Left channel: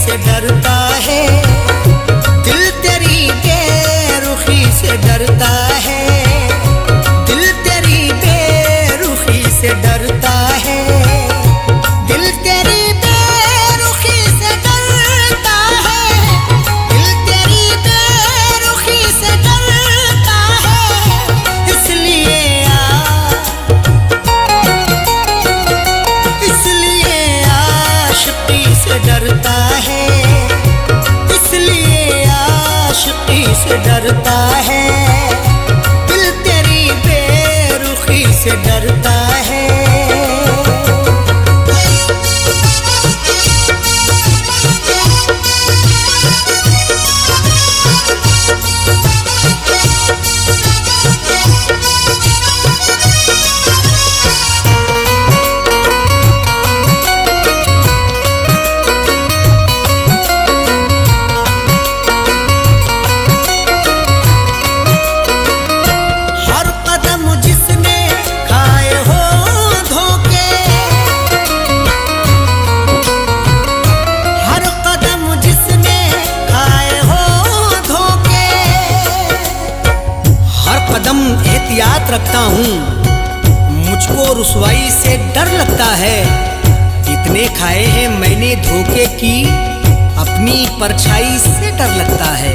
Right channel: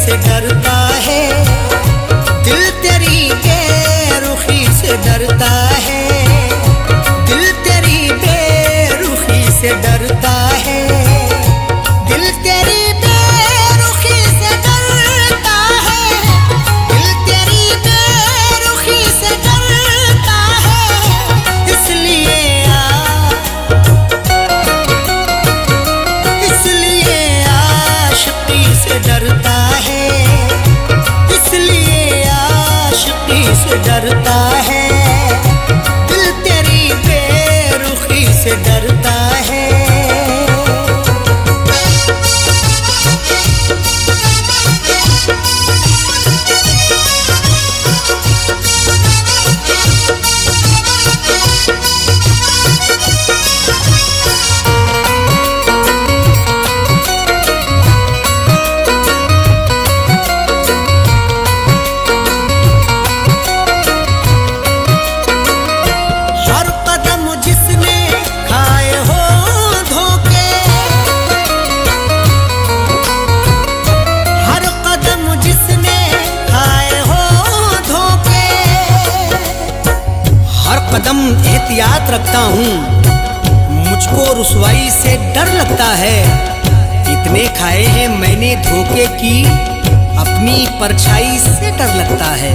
से डरता है, दिल तेरी बेरुखी से डरता है, दिल तेरी बेरुखी से डरता है, दिल तेरी बेरुखी से डरता है, दिल तेरी बेरुखी से डरता है। इसलिए आशिकी से डरता है, इसलिए आशिकी से डरता है, दिल तेरी बेरुखी से डरता है। जिसने खाए हो धोखे, हर कदम जिसने खाए हो धोखे, हर कदम एहतियात रखता हूँ, मुझको रुसवाई से डर लगता है। इतने खाए हैं मैंने धोखे की, अपनी परछाई से डर लगता है।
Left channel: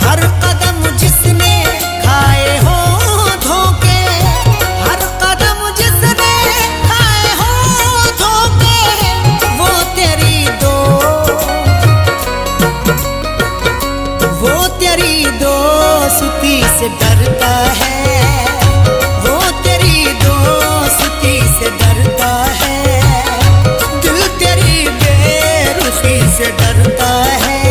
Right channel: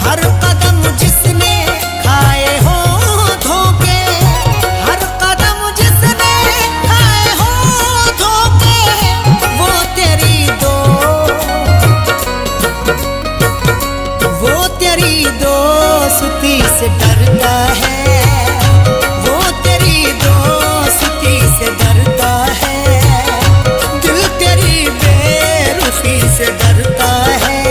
हर कदम जिसने खाए हो धोखे, हर कदम जिसने खाए हो धोखे, वो तेरी दोस्ती से डरता है, वो तेरी दोस्ती से डरता है, दिल तेरी बेरुखी से डरता है।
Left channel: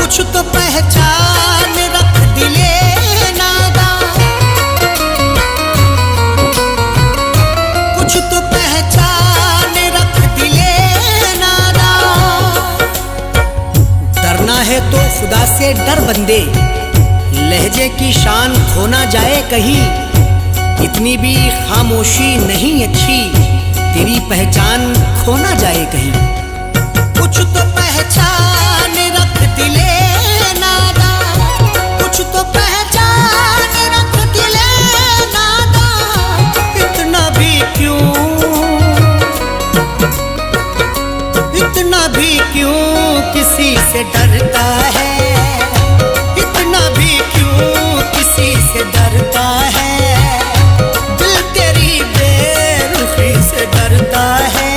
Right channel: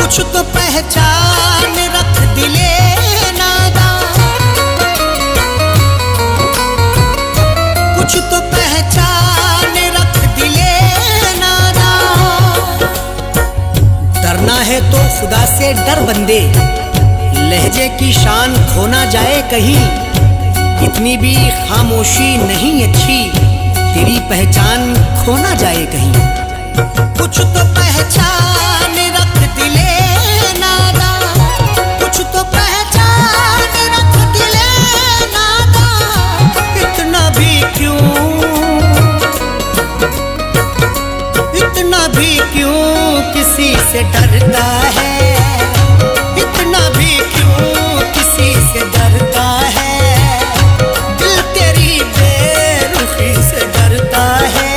कुछ तो पहचान रख दिले नादा, कुछ तो पहचान रख दिले नादा। डरना है तो खुदा से डर बंदे, लहजे की शान खो ना जाए कहीं, इतनी भी खामोशी नहीं अच्छी, तेरी पहचान खो ना जाए कहीं। कुछ तो पहचान रख दिले नादा, कुछ तो पहचान रख दिले नादा, इतना भी क्यों किसी से डरता है, इतना भी क्यों किसी से डरता है, दिल तेरी बेरुखी से डरता है।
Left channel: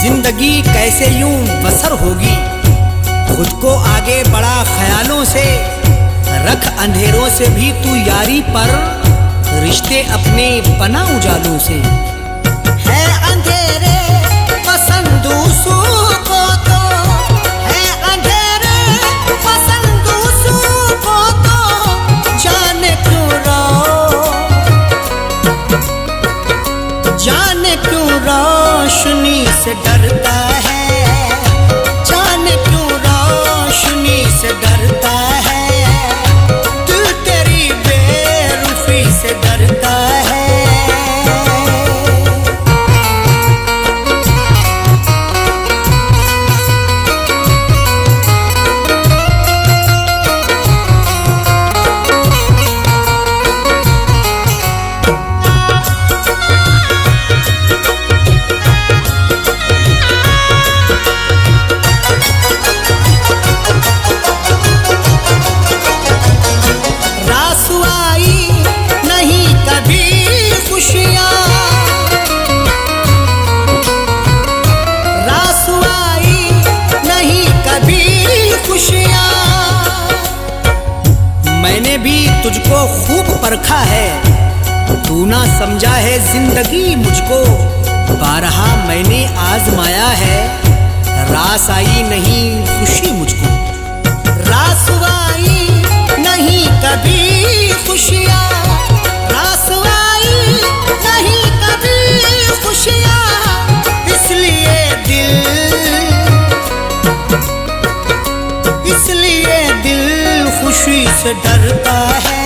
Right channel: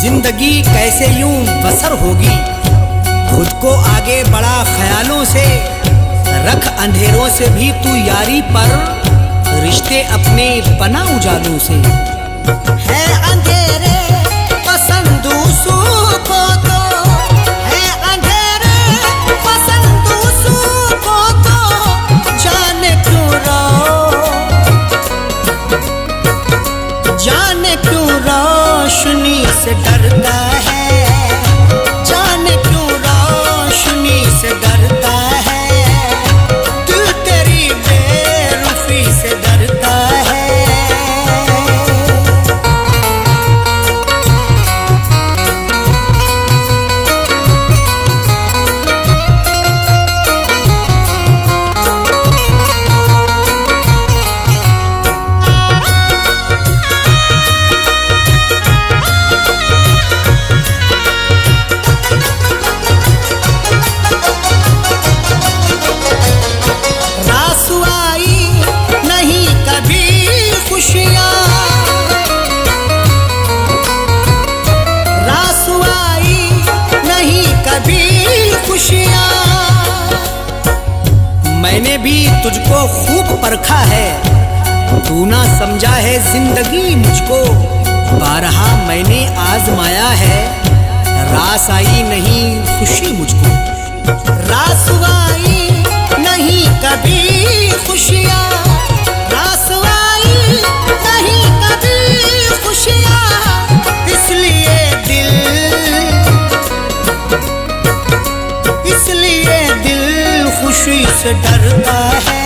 जिंदगी कैसे यूं बसर होगी, खुद को आगे बढ़ा ख्यालों से, रख अंधेरों से भी तू यारी पर, रिश्ते अपने बना उजालों से। है अंधेरे पसंद को तो, है अंधेरे पसंद को तो, जाने क्यों रोशनी से डरता है, जाने क्यों रोशनी से डरता है, दिल तेरी बेरुखी से डरता है। कभी खुशियाँ, रासवाई नहीं कभी खुशियाँ। मैंने भी तुझको खूब परखा है, तू ना समझा है जिंदगी मुझको। बारहा मैंने आजमाया है, रास आई नहीं खुशी मुझको। रासवाई नहीं कभी खुशियाँ, रासवाई नहीं कभी खुशियाँ। इसलिए दिल खुशी से डरता है,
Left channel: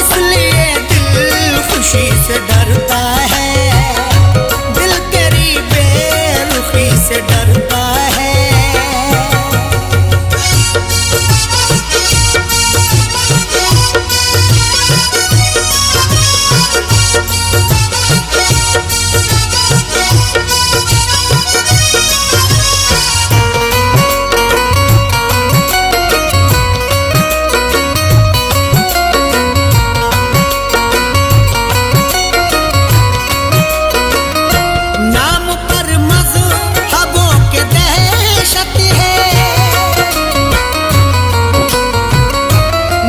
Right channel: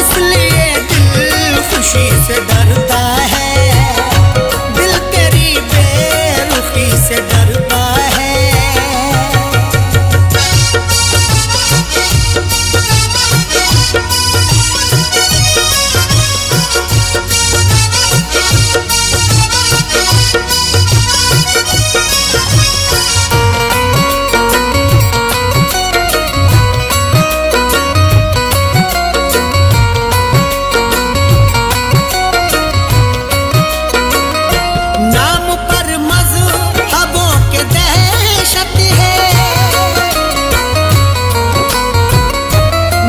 इसलिए दिल खुशी से डरता है। दिल तेरी बेरुखी से डरता है। नाम पर मज़हबों के दहशत है,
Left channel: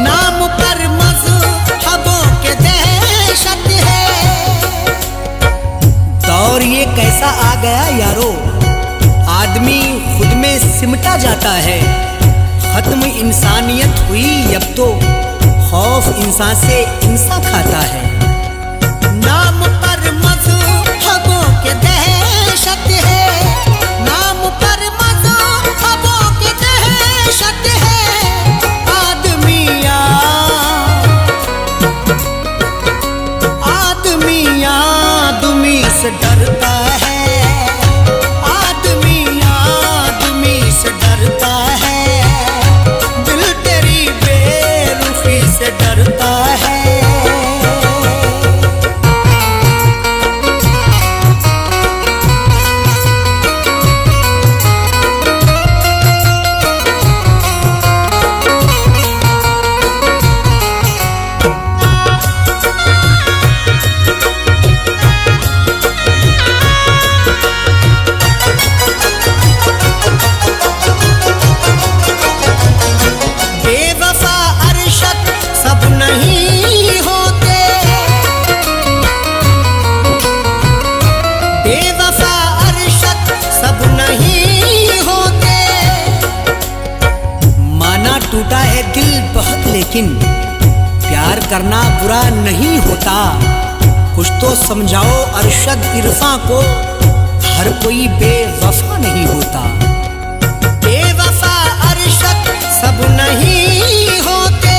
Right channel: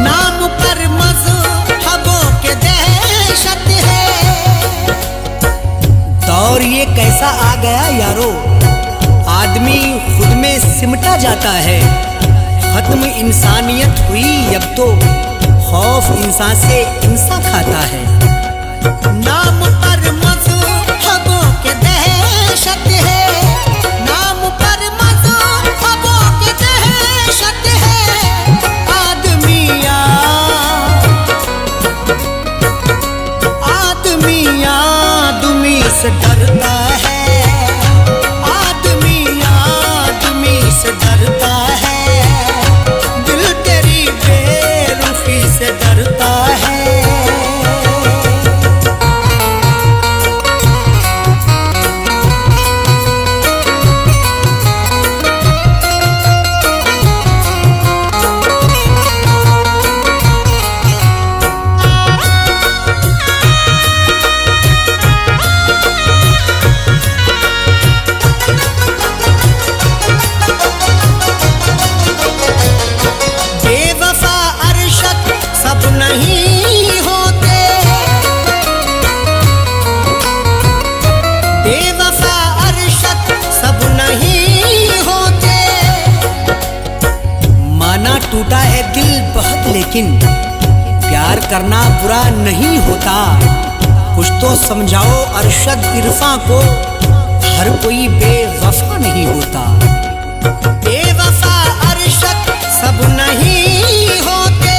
नाम पर मज़हबों के दहशत है। दौर ये कैसा आ गया यारो, आदमी खुद में सिमटा जाता है। खत्म इंसानियत हुई अब तो, खौफ इंसान से इंसान खाता है। नाम पर मज़हबों के दहशत है, नाम पर मज़हबों के दहशत है। आदमी आदमी से डरता है, आदमी से डरता है। दिल तेरी बेरुखी से डरता है। बेवफा अरशद सब नहीं होते, बेवफा अरशद सब नहीं होते। माना टूटा है दिल बहुत, लेकिन प्यार करना बुरा नहीं होता। कुछ तो समझाओ अरशद इरफा को, हर कोई बेवफा नहीं होता। बेवफा अरशद सब नहीं होते,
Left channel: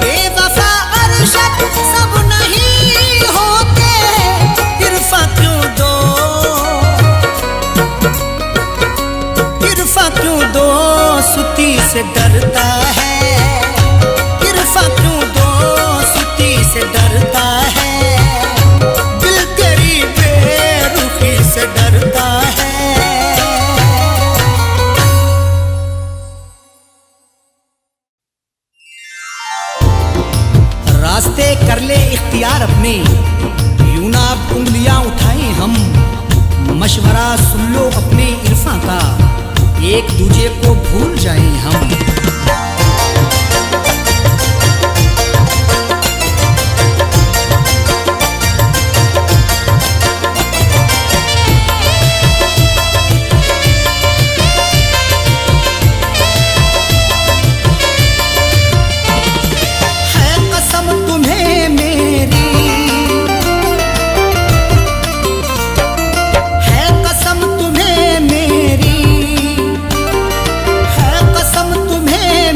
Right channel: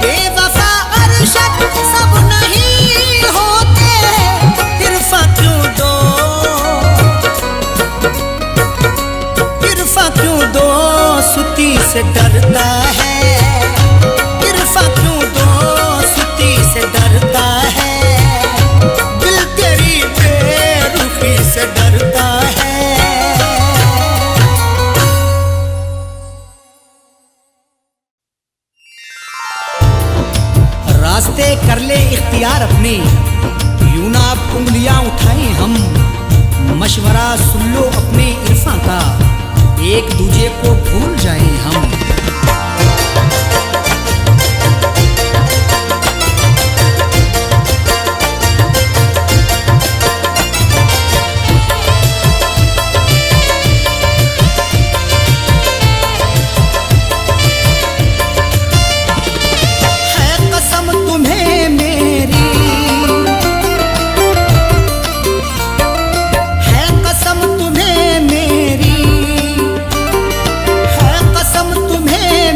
बेवफा अरशद सब नहीं होते। इरफा क्यों दो, इरफा क्यों दो सुती से डरता है। इरफा क्यों दो सुती से डरता है। दिल तेरी बेरुखी से डरता है। रास्ते कर ले इख्तियार अपने, यूं ना अब उंगलियां उठाएं हम। मशवरा सुन लो अपने इरफा का, एक दूजे को भूल जाएं हम। तुम्हें मेरी है कसम, तुम्हें मेरी है कसम, तुम्हें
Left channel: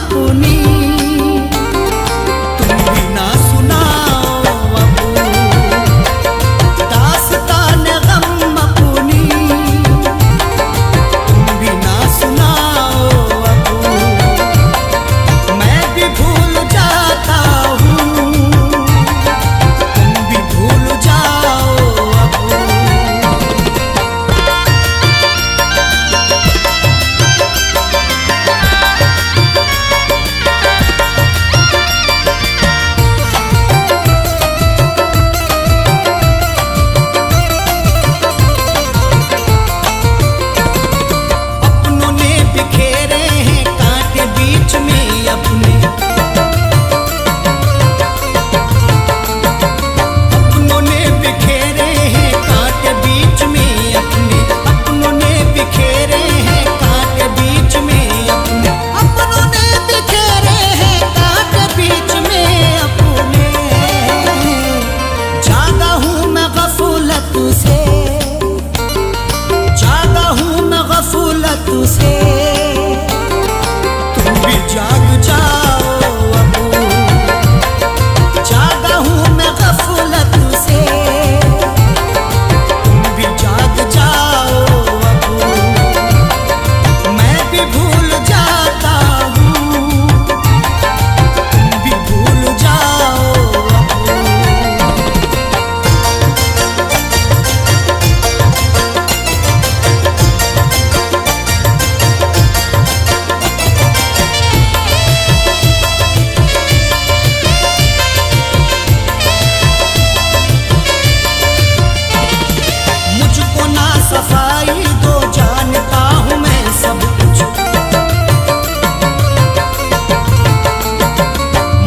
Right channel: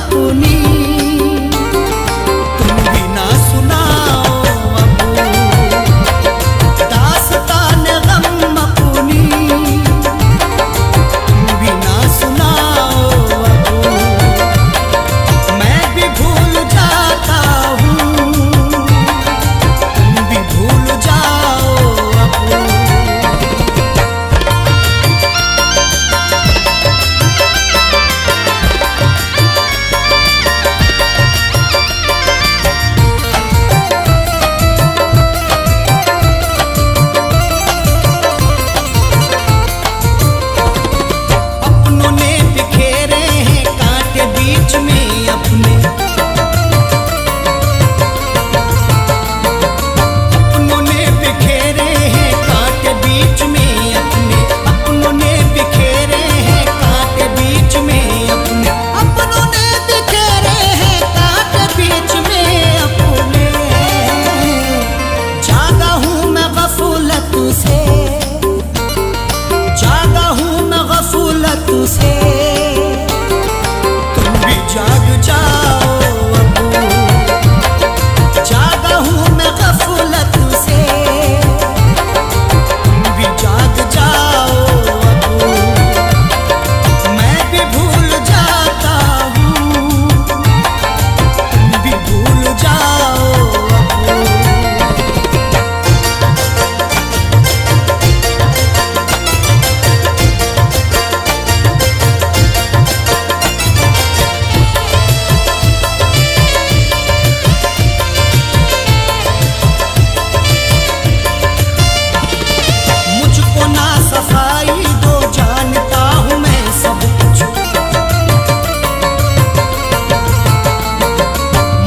अपनी, तुम भी ना सुनाओ अब दास्तान गम अपनी, तुम भी ना सुनाओ अब, मैं भी भूल जाता हूँ, तुम भी भूल जाओ अब। बिखेरे हैं कांटे बीच में अपने, अपनों ने बिखेरे हैं कांटे बीच में अपने, अपनों ने बिखेरे हैं कांटे बीच में अपने, अपनों ने बिखेरे हैं कांटे बीच में अपने। जागा हूँ मैं गफलत से, जागा हूँ मैं गफलत से, तुम भी जाग जाओ अब, जागा हूँ मैं गफलत से, तुम भी जाग जाओ अब, मैं भी भूल जाता हूँ, तुम भी भूल जाओ अब। मुझको ना सफाई दो, जानता हूँ मैं सब कुछ,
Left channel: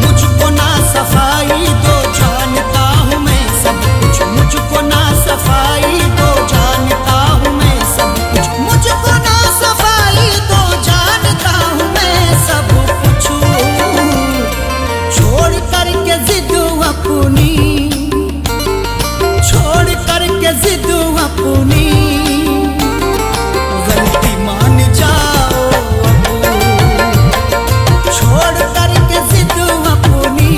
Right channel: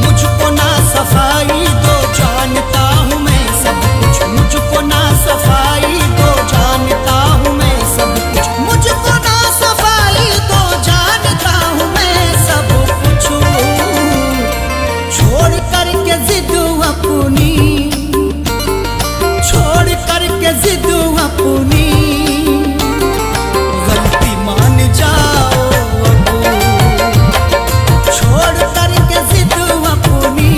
मुझको ना सफाई दो, जानता हूँ मैं सब कुछ, मुझको ना सफाई दो, जानता हूँ मैं सब कुछ, मुझको ना सफाई दो, जानता हूँ मैं सब कुछ। छोड़ करके जिद अपनी, छोड़ करके जिद अपनी, गलती मान जाओ अब, छोड़ करके जिद अपनी,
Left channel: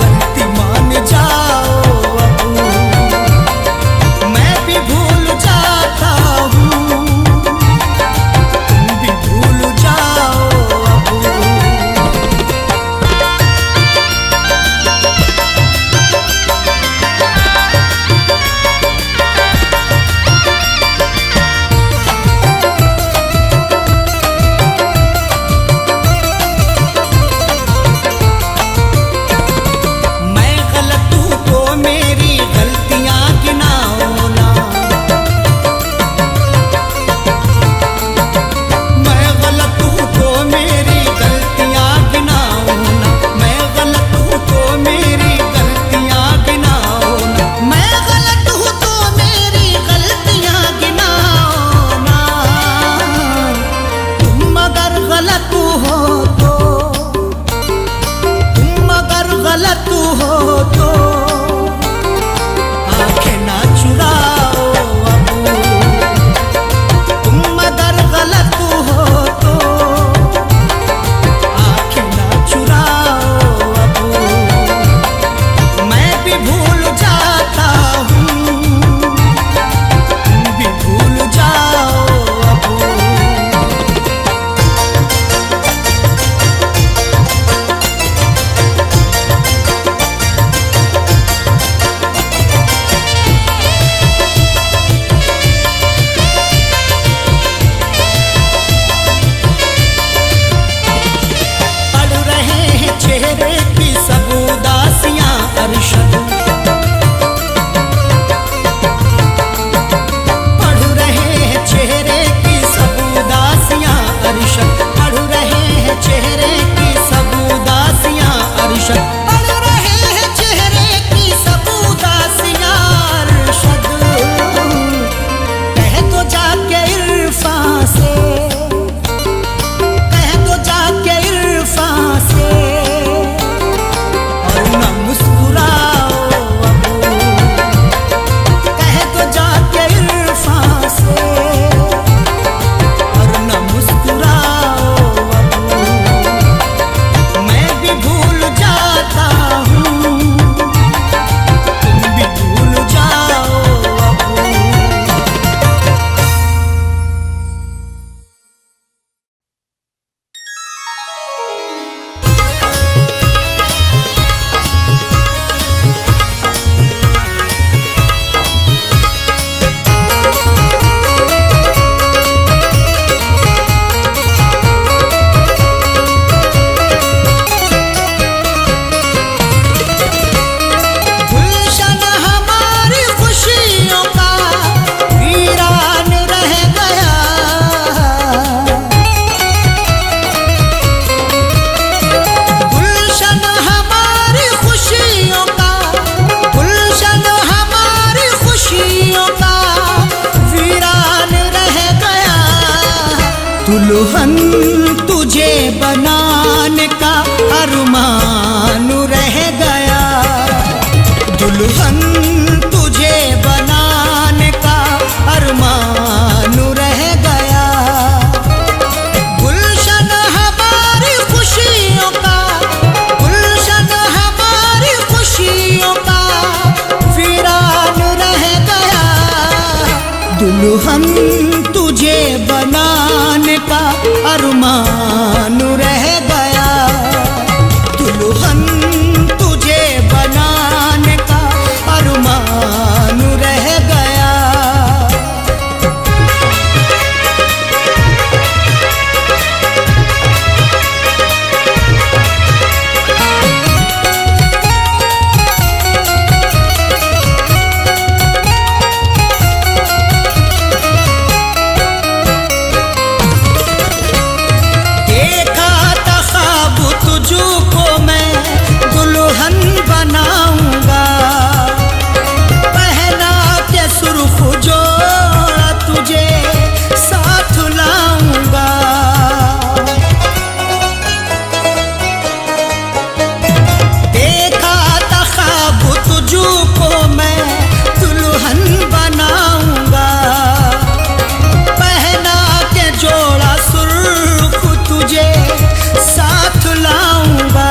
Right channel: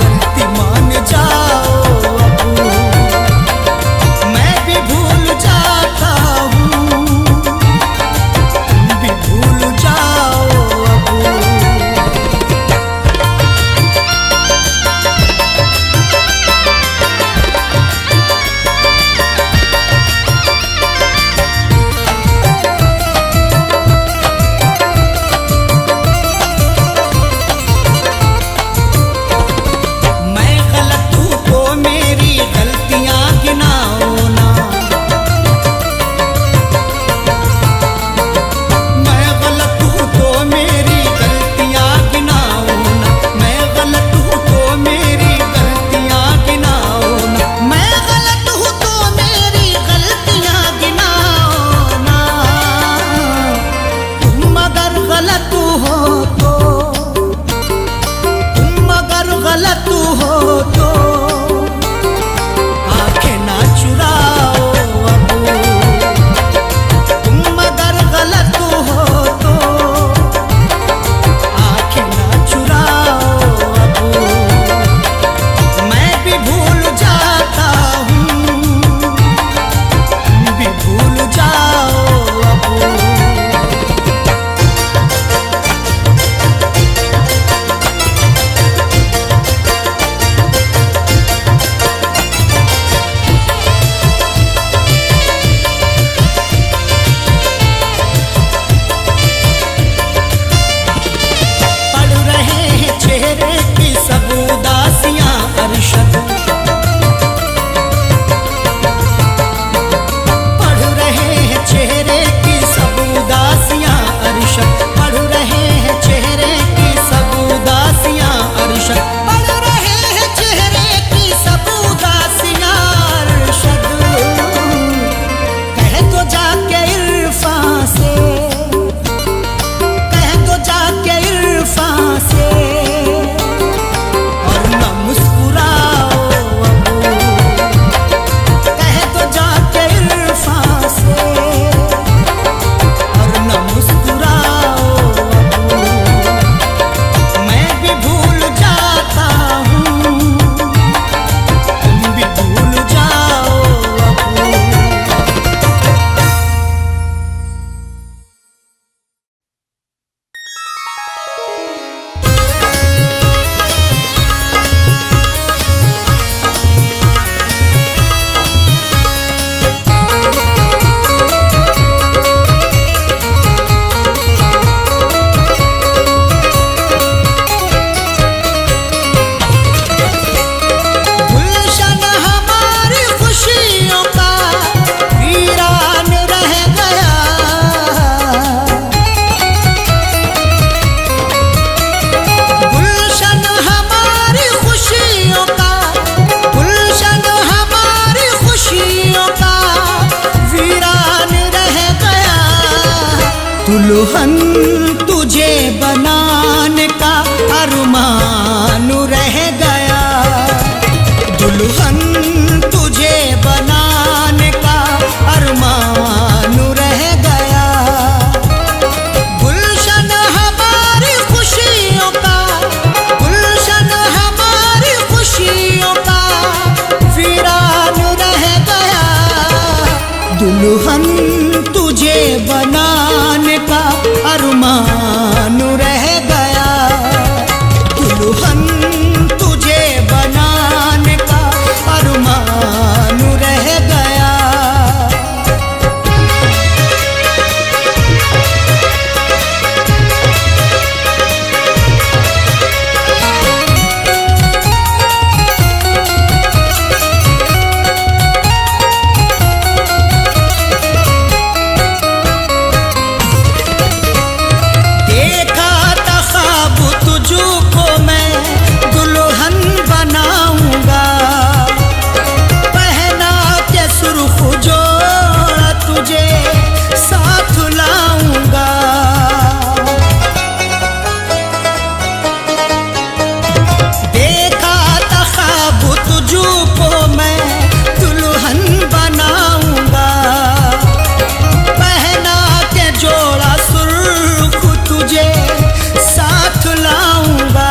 गलती मान जाओ अब, मैं भी भूल जाता हूँ, तुम भी भूल जाओ अब। मेरी गलतियां गिनाओ ना, मैं गलत हूँ तो मेरी गलतियां गिनाओ ना, मैं गलत हूँ तो मेरी गलतियां गिनाओ ना, मैं गलत हूँ तो मेरी गलतियां गिनाओ ना। तुम अगर गलत हो तो, तुम अगर गलत हो तो ना चुराओ अब, तुम अगर गलत हो तो आंखें ना चुराओ अब, मैं भी भूल जाता हूँ, तुम भी भूल जाओ अब। चेहरे की सब उदासियां अरशद, पढ़ रहे हैं चेहरे की सब उदासियां अरशद, पढ़ रहे हैं चेहरे की सब उदासियां अरशद, पढ़ रहे हैं चेहरे की सब उदासियां अरशद। कह दो जाके इरफान से, कह दो जाके इरफान से, और न मुस्कुराओ अब, दुल्हन तुझे बनाने का अरमान रह गया, दुल्हन तुझे बनाने का अरमान रह गया। गुलशन हमारी खुशियों का, गुलशन हमारी खुशियों का वीरान रह गया। दुल्हन तुझे बनाने का अरमान रह गया, दुल्हन तुझे बनाने का अरमान रह गया। तुझको मैं दुल्हन बनाऊंगा, पहना के सुर्ख जोड़ा तुझे साथ लाऊंगा। देखा था ख्वाब तुझको मैं दुल्हन बनाऊंगा, पहना के जोड़ा सुर्ख तुझे साथ लाऊंगा।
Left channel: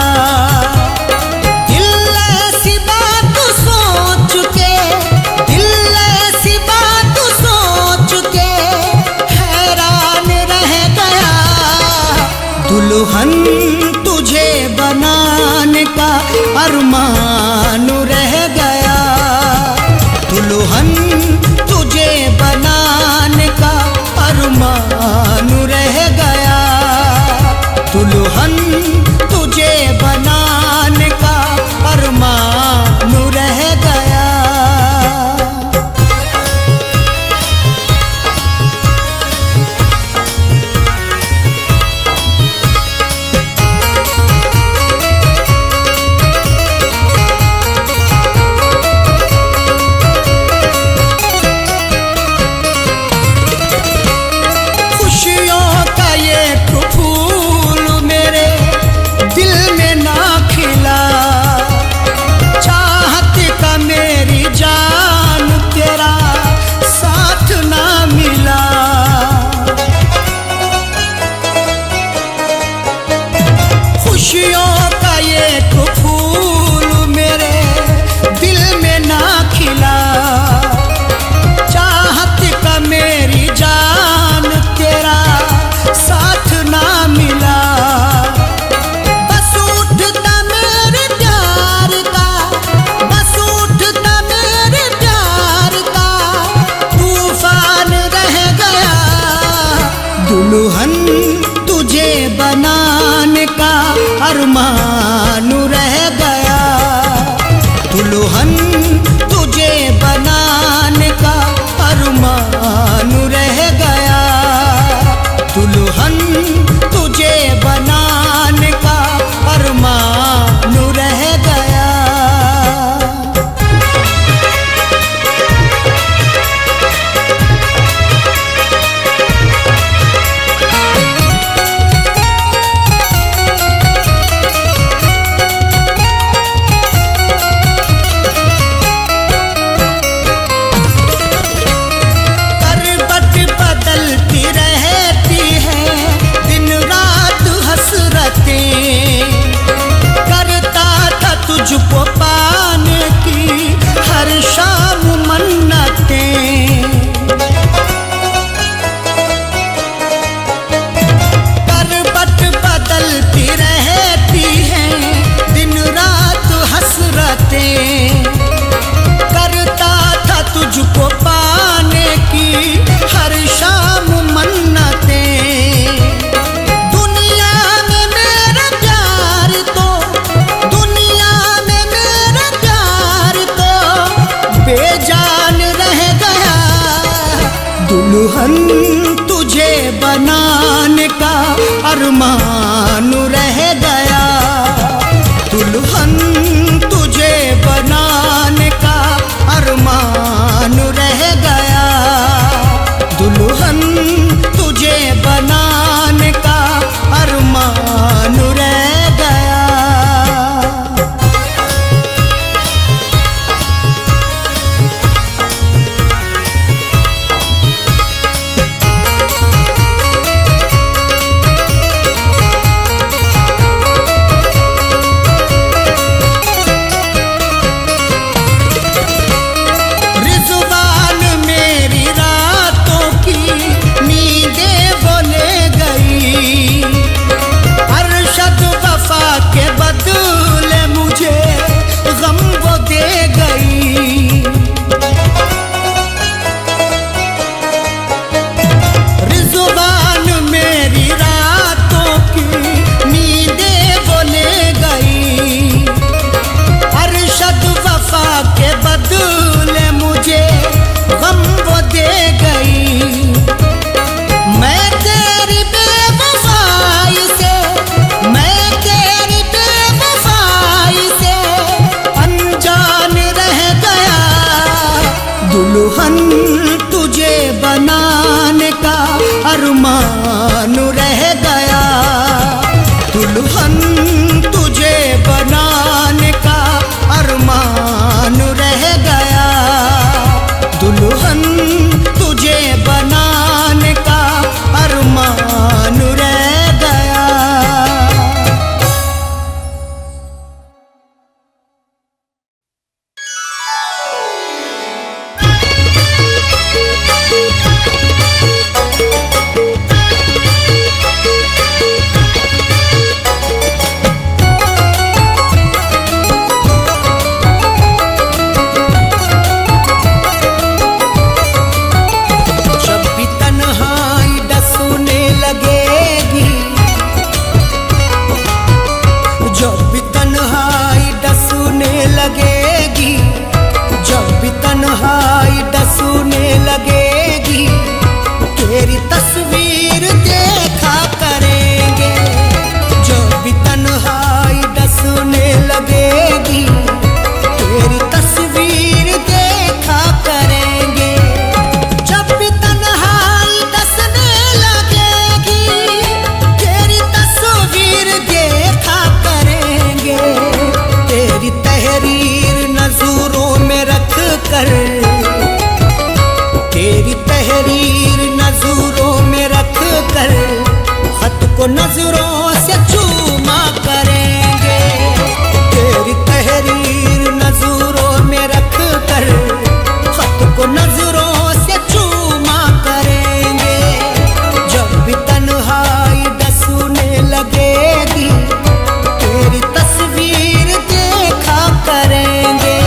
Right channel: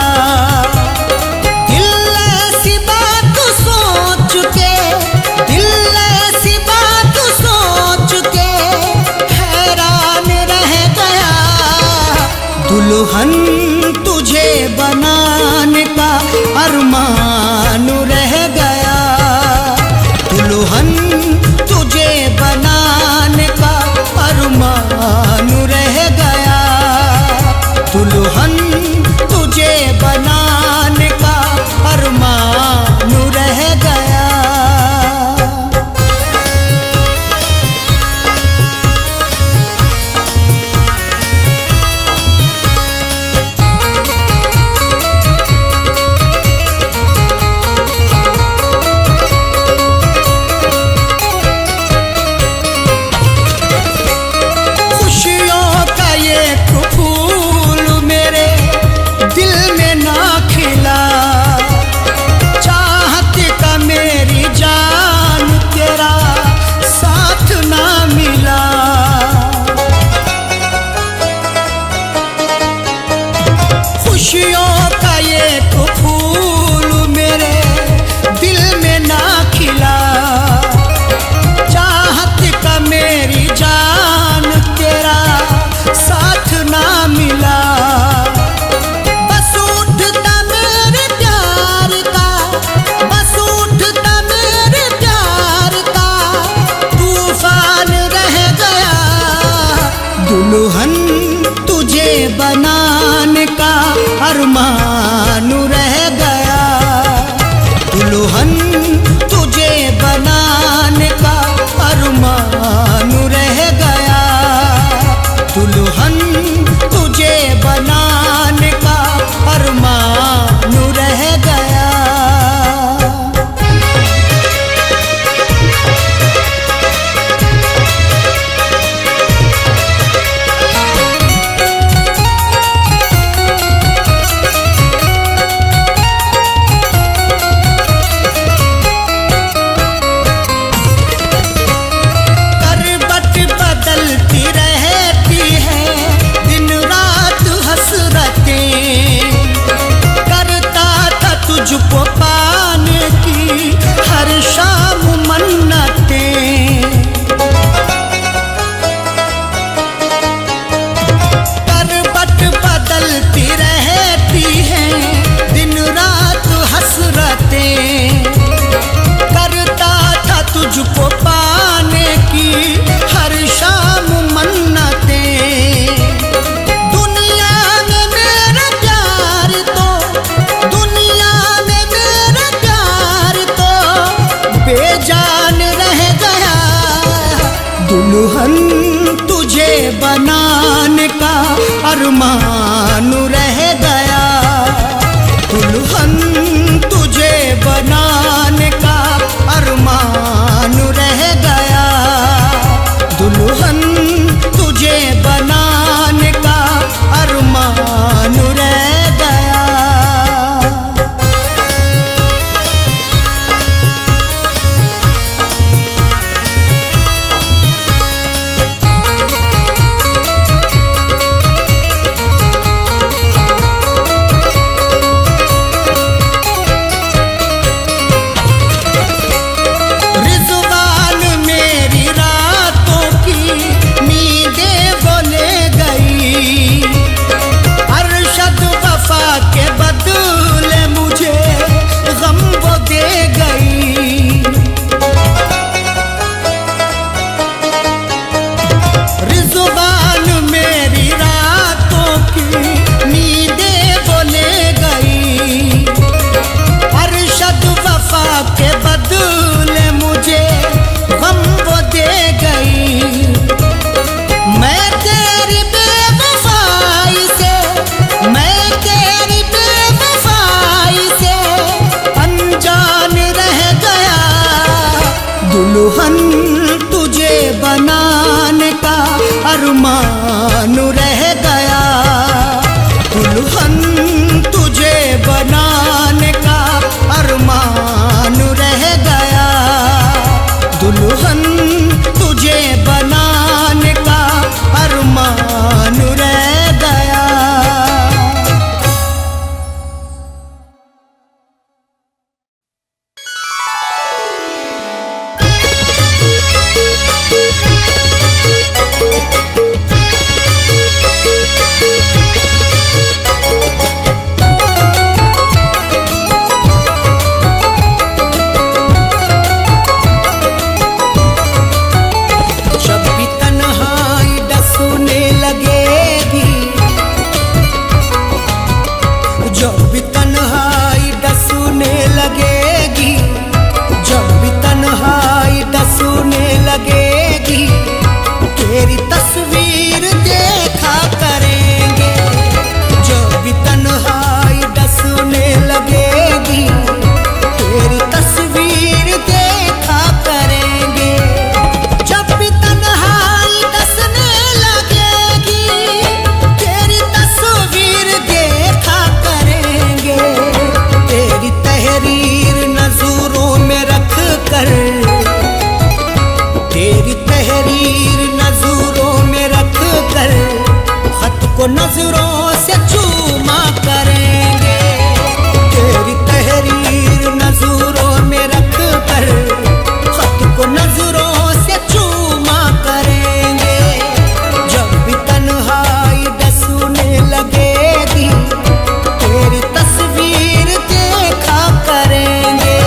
दिल ऐसी बात सोच के, दिल ऐसी बात सोच के हैरान रह गया। दुल्हन तुझे बनाने का अरमान रह गया, दुल्हन तुझे बनाने का अरमान रह गया। दुल्हन तुझे बनाने का अरमान रह गया। खुशियों का ये फूल मेरे दिल में ना खिला, चाहत का मेरी जान तेरा साथ ना मिला। खुशियों का ये फूल मेरे दिल में ना खिला, चाहत का मेरी जान तेरा साथ ना मिला। बस उठता मेरे प्यार का, बस उठता मेरे प्यार का तूफान रह गया। दुल्हन तुझे बनाने का अरमान रह गया, दुल्हन तुझे बनाने का अरमान रह गया। दुल्हन तुझे बनाने का अरमान रह गया। बदलती रहती है दिन रात हसरतें, करता था तुझको पाने की हर शाम मन्नतें। करवट बदलती रहती है दिन रात हसरतें, करता था तुझको पाने की हर शाम मन्नतें। दुनिया में मेरा प्यार तो, दुनिया में मेरा प्यार तो बेजान रह गया। दुल्हन तुझे बनाने का अरमान रह गया, दुल्हन तुझे बनाने का अरमान रह गया। दुल्हन तुझे बना रिज़वान मेरी रातों की नींदें वो ले गई। अरशद वफा के बदले मुझे गम वो दे गई। मैं तेरी बेवफाई से, मैं तेरी बेवफाई से अनजान रह गया। दुल्हन तुझे बनाने का अरमान रह गया। दुल्हन तुझे बनाने का अरमान रह गया। दुल्हन तुझे बनाने का अरमान रह गया। जब भी तन्हाई डसने लगेगी, जब भी तन्हाई डसने लगेगी, जब भी तन्हाई डसने लगेगी, तेरी तस्वीर देखा करेंगे। जब भी तन्हाई डसने लगेगी, तेरी तस्वीर देखा करेंगे। जब भी तन्हाई डसने लगेगी, तेरी तस्वीर देखा करेंगे। तेरी तहरीर नजरों में रख कर, तेरी तहरीर नजरों में रख कर, खत को नजरों से चूमा करेंगे। तेरी तहरीर नजरों में रख कर, खत को नजरों से चूमा करेंगे। जब भी तन्हाई डसने लगेगी, तेरी तस्वीर देखा करेंगे।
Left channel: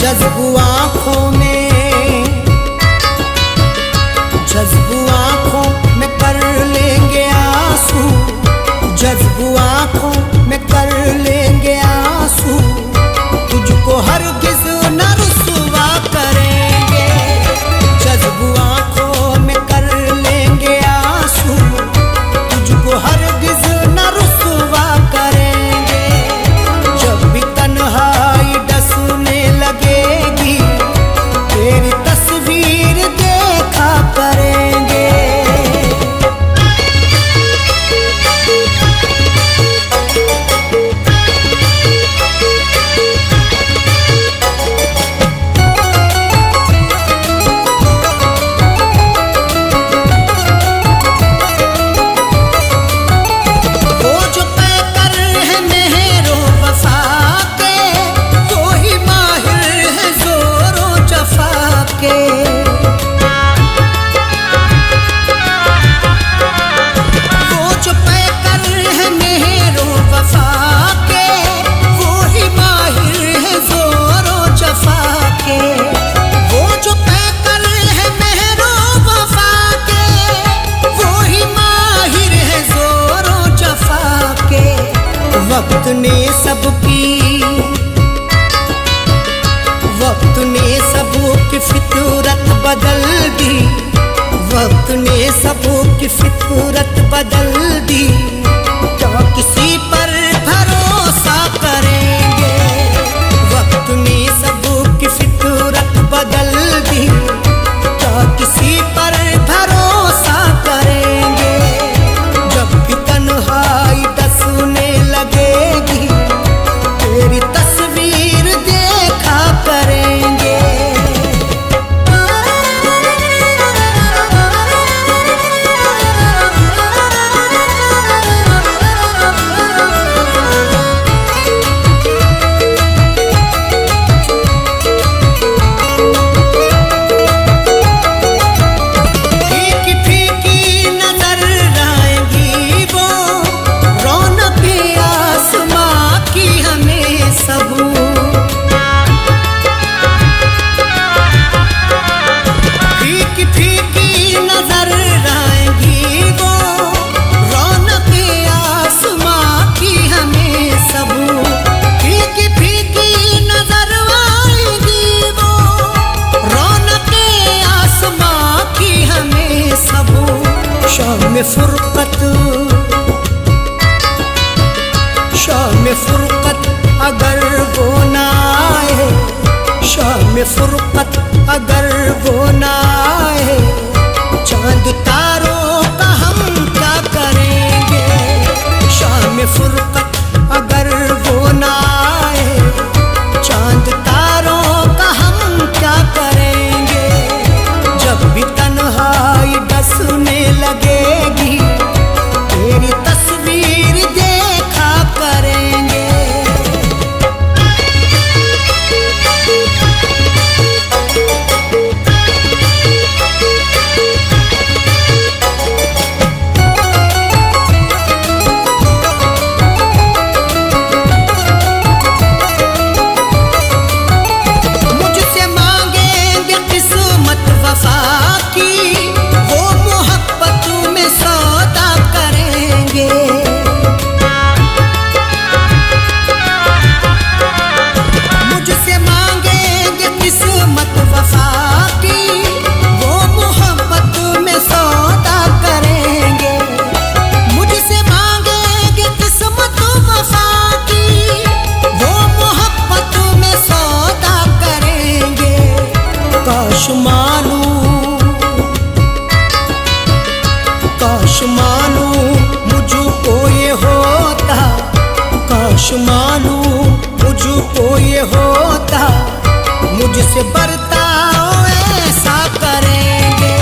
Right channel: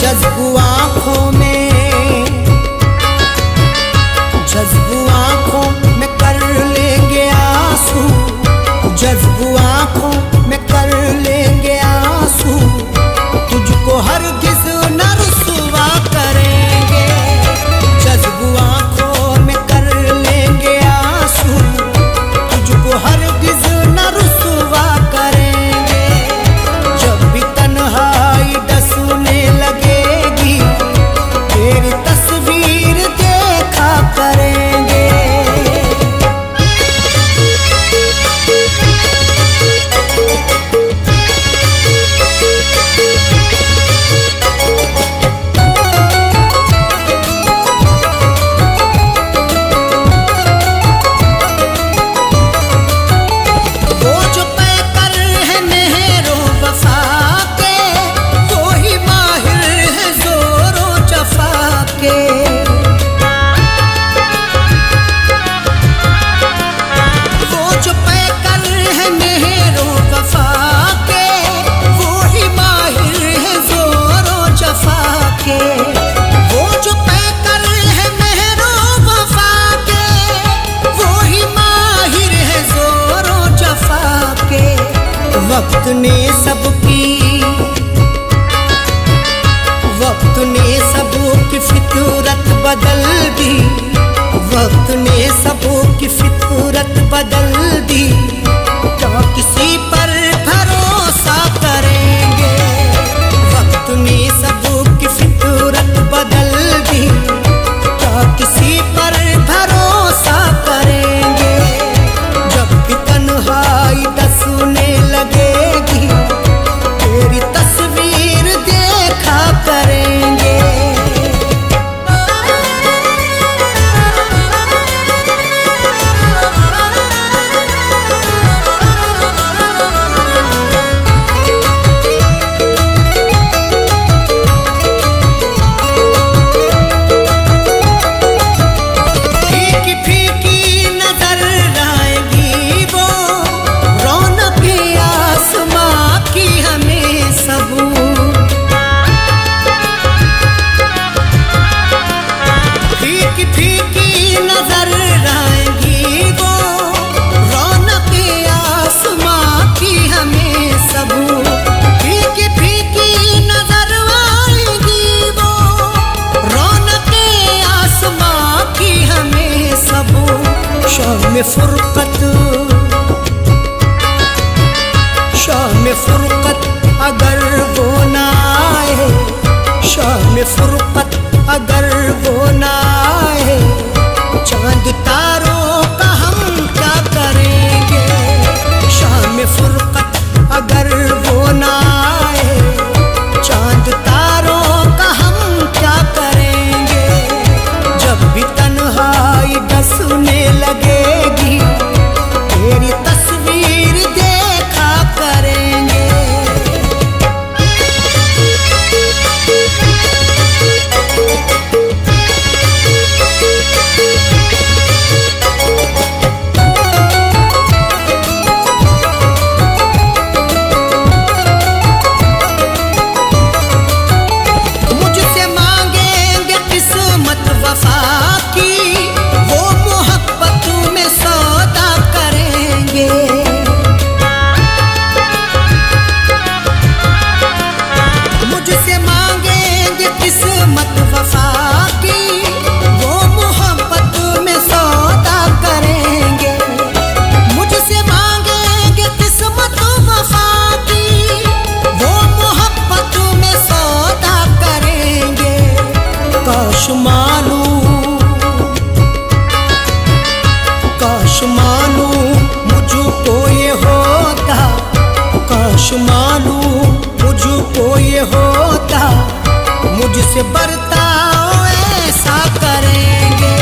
जज्बू आँखों में, जज्बू आँखों में कर लेंगे आंसू, जज्बू आँखों में कर लेंगे आंसू। तुझको हरगिज़ न रुसवा करेंगे। जज्बू आँखों में कर लेंगे आंसू, तुझको हरगिज़ न रुसवा करेंगे। जब भी तन्हाई डसने लगेगी, तेरी तस्वीर देखा करेंगे। वो जो पैकर है मेहरो वफा के, वो ही माहिर है जोरो जफा के। वो जो पैकर है मेहरो वफा के, वो ही माहिर है जोरो जफा के। वो जो पैकर है मेहरो वफा के, वो ही माहिर है जोरो जफा के। वक्त ने सबकी, वक्त ने सबकी फितरत बदल दी, वक्त ने सबकी फितरत बदल दी। क्या किसी पर भरोसा करेंगे? वक्त ने सबकी फितरत किसी पर भरोसा करेंगे। जब भी तन्हाई डसने लगेगी तेरी तस्वीर देखा करेंगे। फीकी फीकी नजर आएंगी वो रौनक आसमां की हमें सब। फीकी फीकी नजर आएंगी वो रौनक आसमां की हमें सब। शाम फुरकत, शाम फुरकत अगर वो ना आए, शाम फुरकत अगर वो ना आए, चांद तारों का हम क्या करेंगे। शाम फुरकत अगर वो ना आए, चांद तारों का हम क्या करेंगे। जब भी तन्हाई डसने लगेगी तेरी तस्वीर देखा करेंगे। वफा की वो मोहब्बत में सौदा करेंगे। मुझसे मांगेंगे किस्मत वफा की वो मोहब्बत में सौदा करेंगे। मुझसे मांगेंगे किस्मत वफा की वो मोहब्बत में सौदा करेंगे। काश मालूम मुझको ये होता, काश मालूम मुझको ये होता, मुझसे बर्ताव ऐसा करेंगे।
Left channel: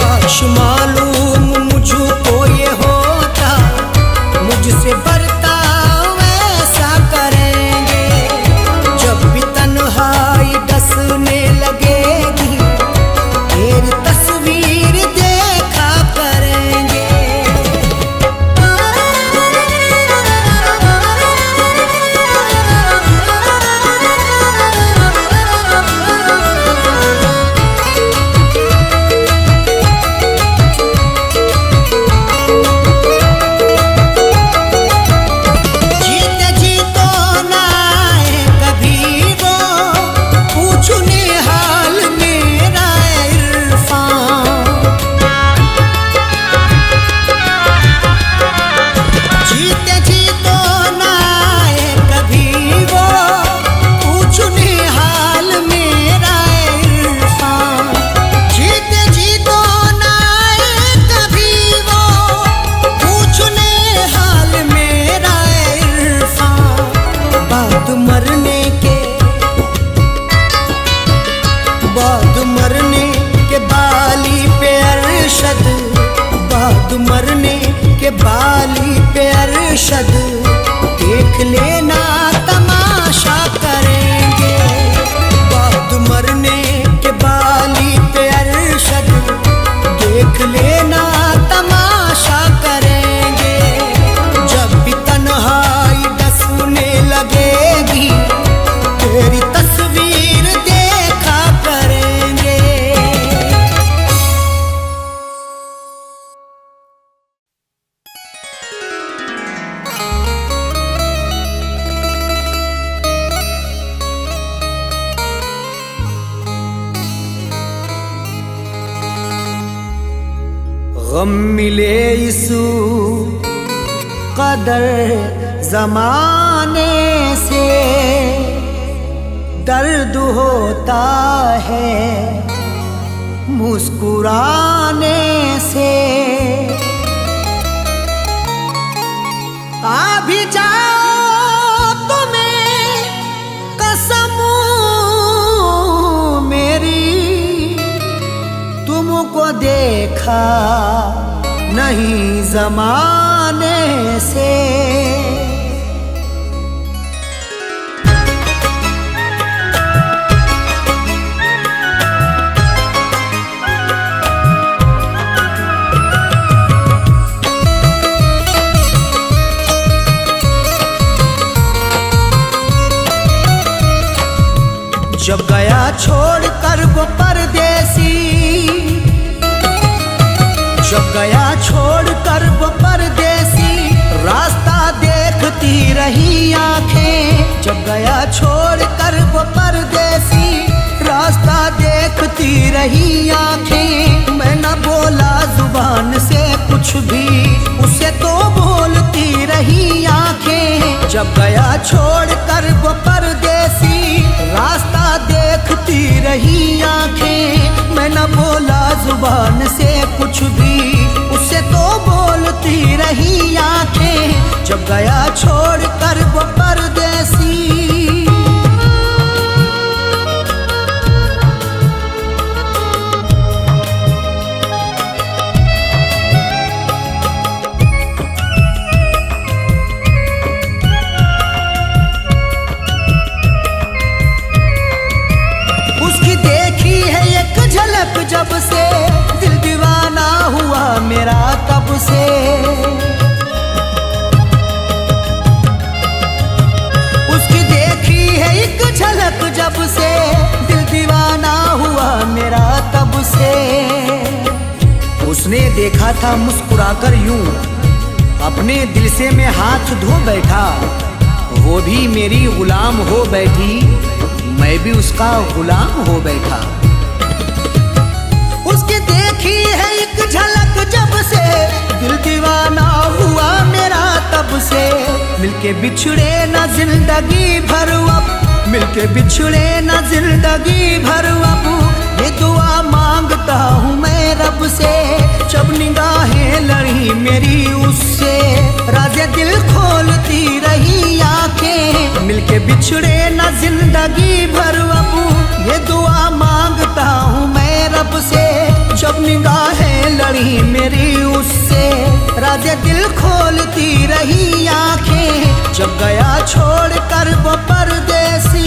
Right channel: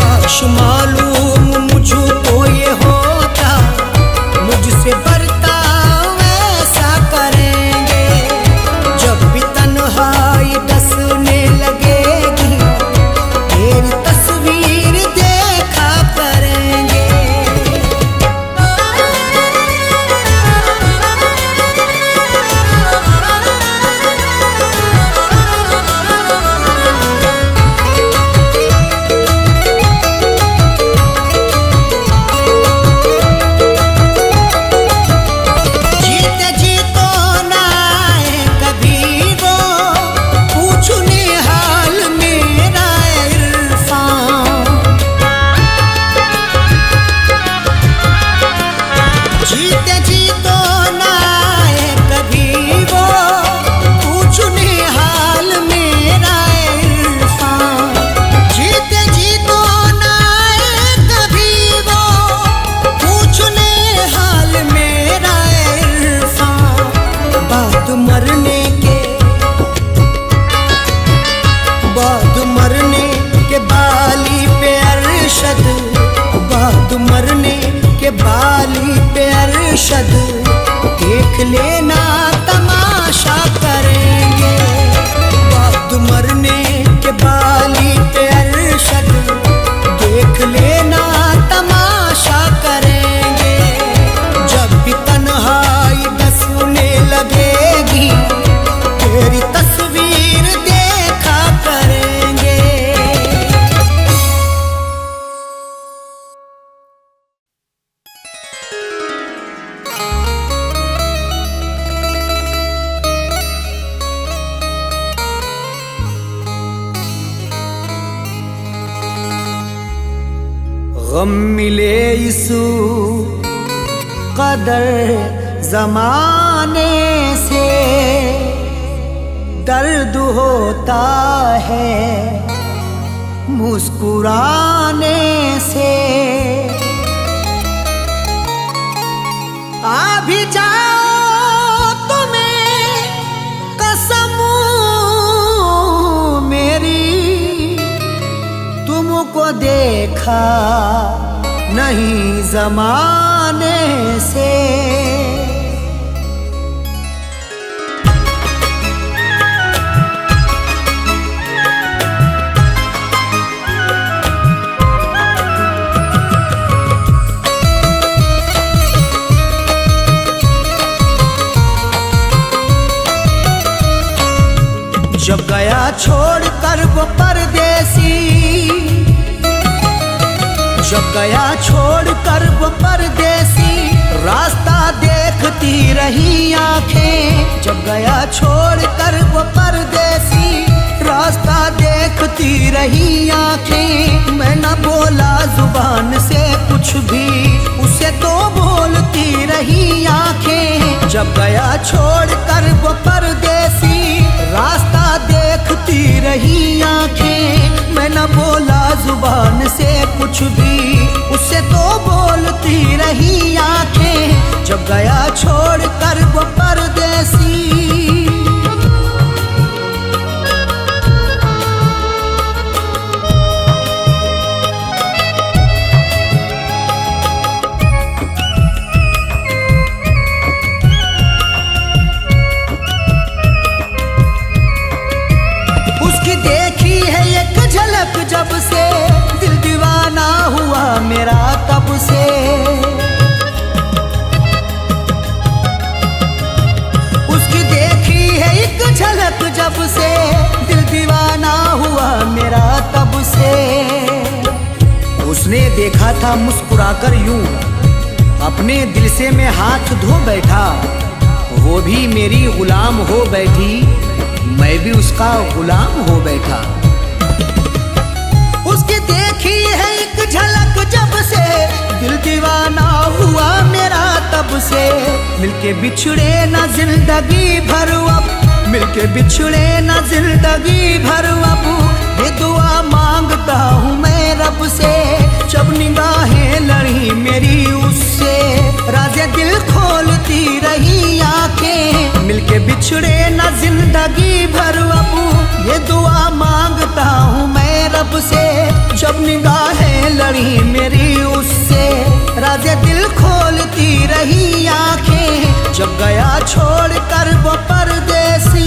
काश मालूम मुझको ये होता, मुझसे बर्ताव ऐसा करेंगे। जब भी तन्हाई डसने लगेगी तेरी तस्वीर देखा करेंगे। जीते जी तो ना आए कभी वो पूछने हाल मेरा इरफान। जीते जी तो ना आए कभी वो पूछने हाल मेरा इरफान। जीते जी तो ना आए कभी वो पूछने हाल मेरा इरफान। बाद मरने के बाली पे अरशद, बाद मरने के बाली पे अरशद, देख लेना तमाशा करेंगे। बाद मरने के बाली पे अरशद, देख लेना तमाशा करेंगे। जब भी तन्हाई डसने लगेगी तेरी तस्वीर देखा करेंगे। गम मिले इस कदर जमाने से, दर्द होता है मुस्कुराने से। आ भी जाओ तुम्हें कसम मेरी, तुमको देखा नहीं जमाने से। जब गया छोड़ कर वो परदेसी, जब गया छोड़ कर वो परदेसी, रास्ता देखती रही आंखें। जब गया छोड़ कर वो परदेसी, रास्ता देखती रही आंखें। मैं न बोला जुबान से कुछ भी, उसे तो बोलती रही आंखें। जब गया छोड़ कर वो परदेसी, रास्ता देखती रही आंखें। मैं न बोला जुबान से कुछ भी, उसे तो बोलती रही आंखें। जब गया छोड़ कर वो परदेसी। झलक जब से दिल दीवाना हुआ मेरा तब से। उसकी देखी है एक झलक जब से दिल दीवाना हुआ मेरा तब से। उसने देखा था मुस्कुराकर यूं, अपने दिल से मैं हाथ धो बैठा। वो भी मेरी गुलाम हो बैठी, मैं भी उसका गुलाम हो बैठा। उसकी देखी है एक झलक जब से दिल दीवाना हुआ मेरा तब से। मिलके बिछड़े ना जिंदगी भर अब, मिलके बिछड़े ना जिंदगी भर अब। ये दुआ मांगता हूँ मैं रब से। जब निगाहें लड़ी मेरी उससे, राज़े दिल खोलती रही आंखें। मिलके बिछड़े ना जिंदगी भर अब, ये दुआ मांगता हूँ मैं रब से। जब निगाहें लड़ी मेरी उससे, राज़े दिल खोलती रही आंखें। जब गया छोड़ कर वो परदेसी।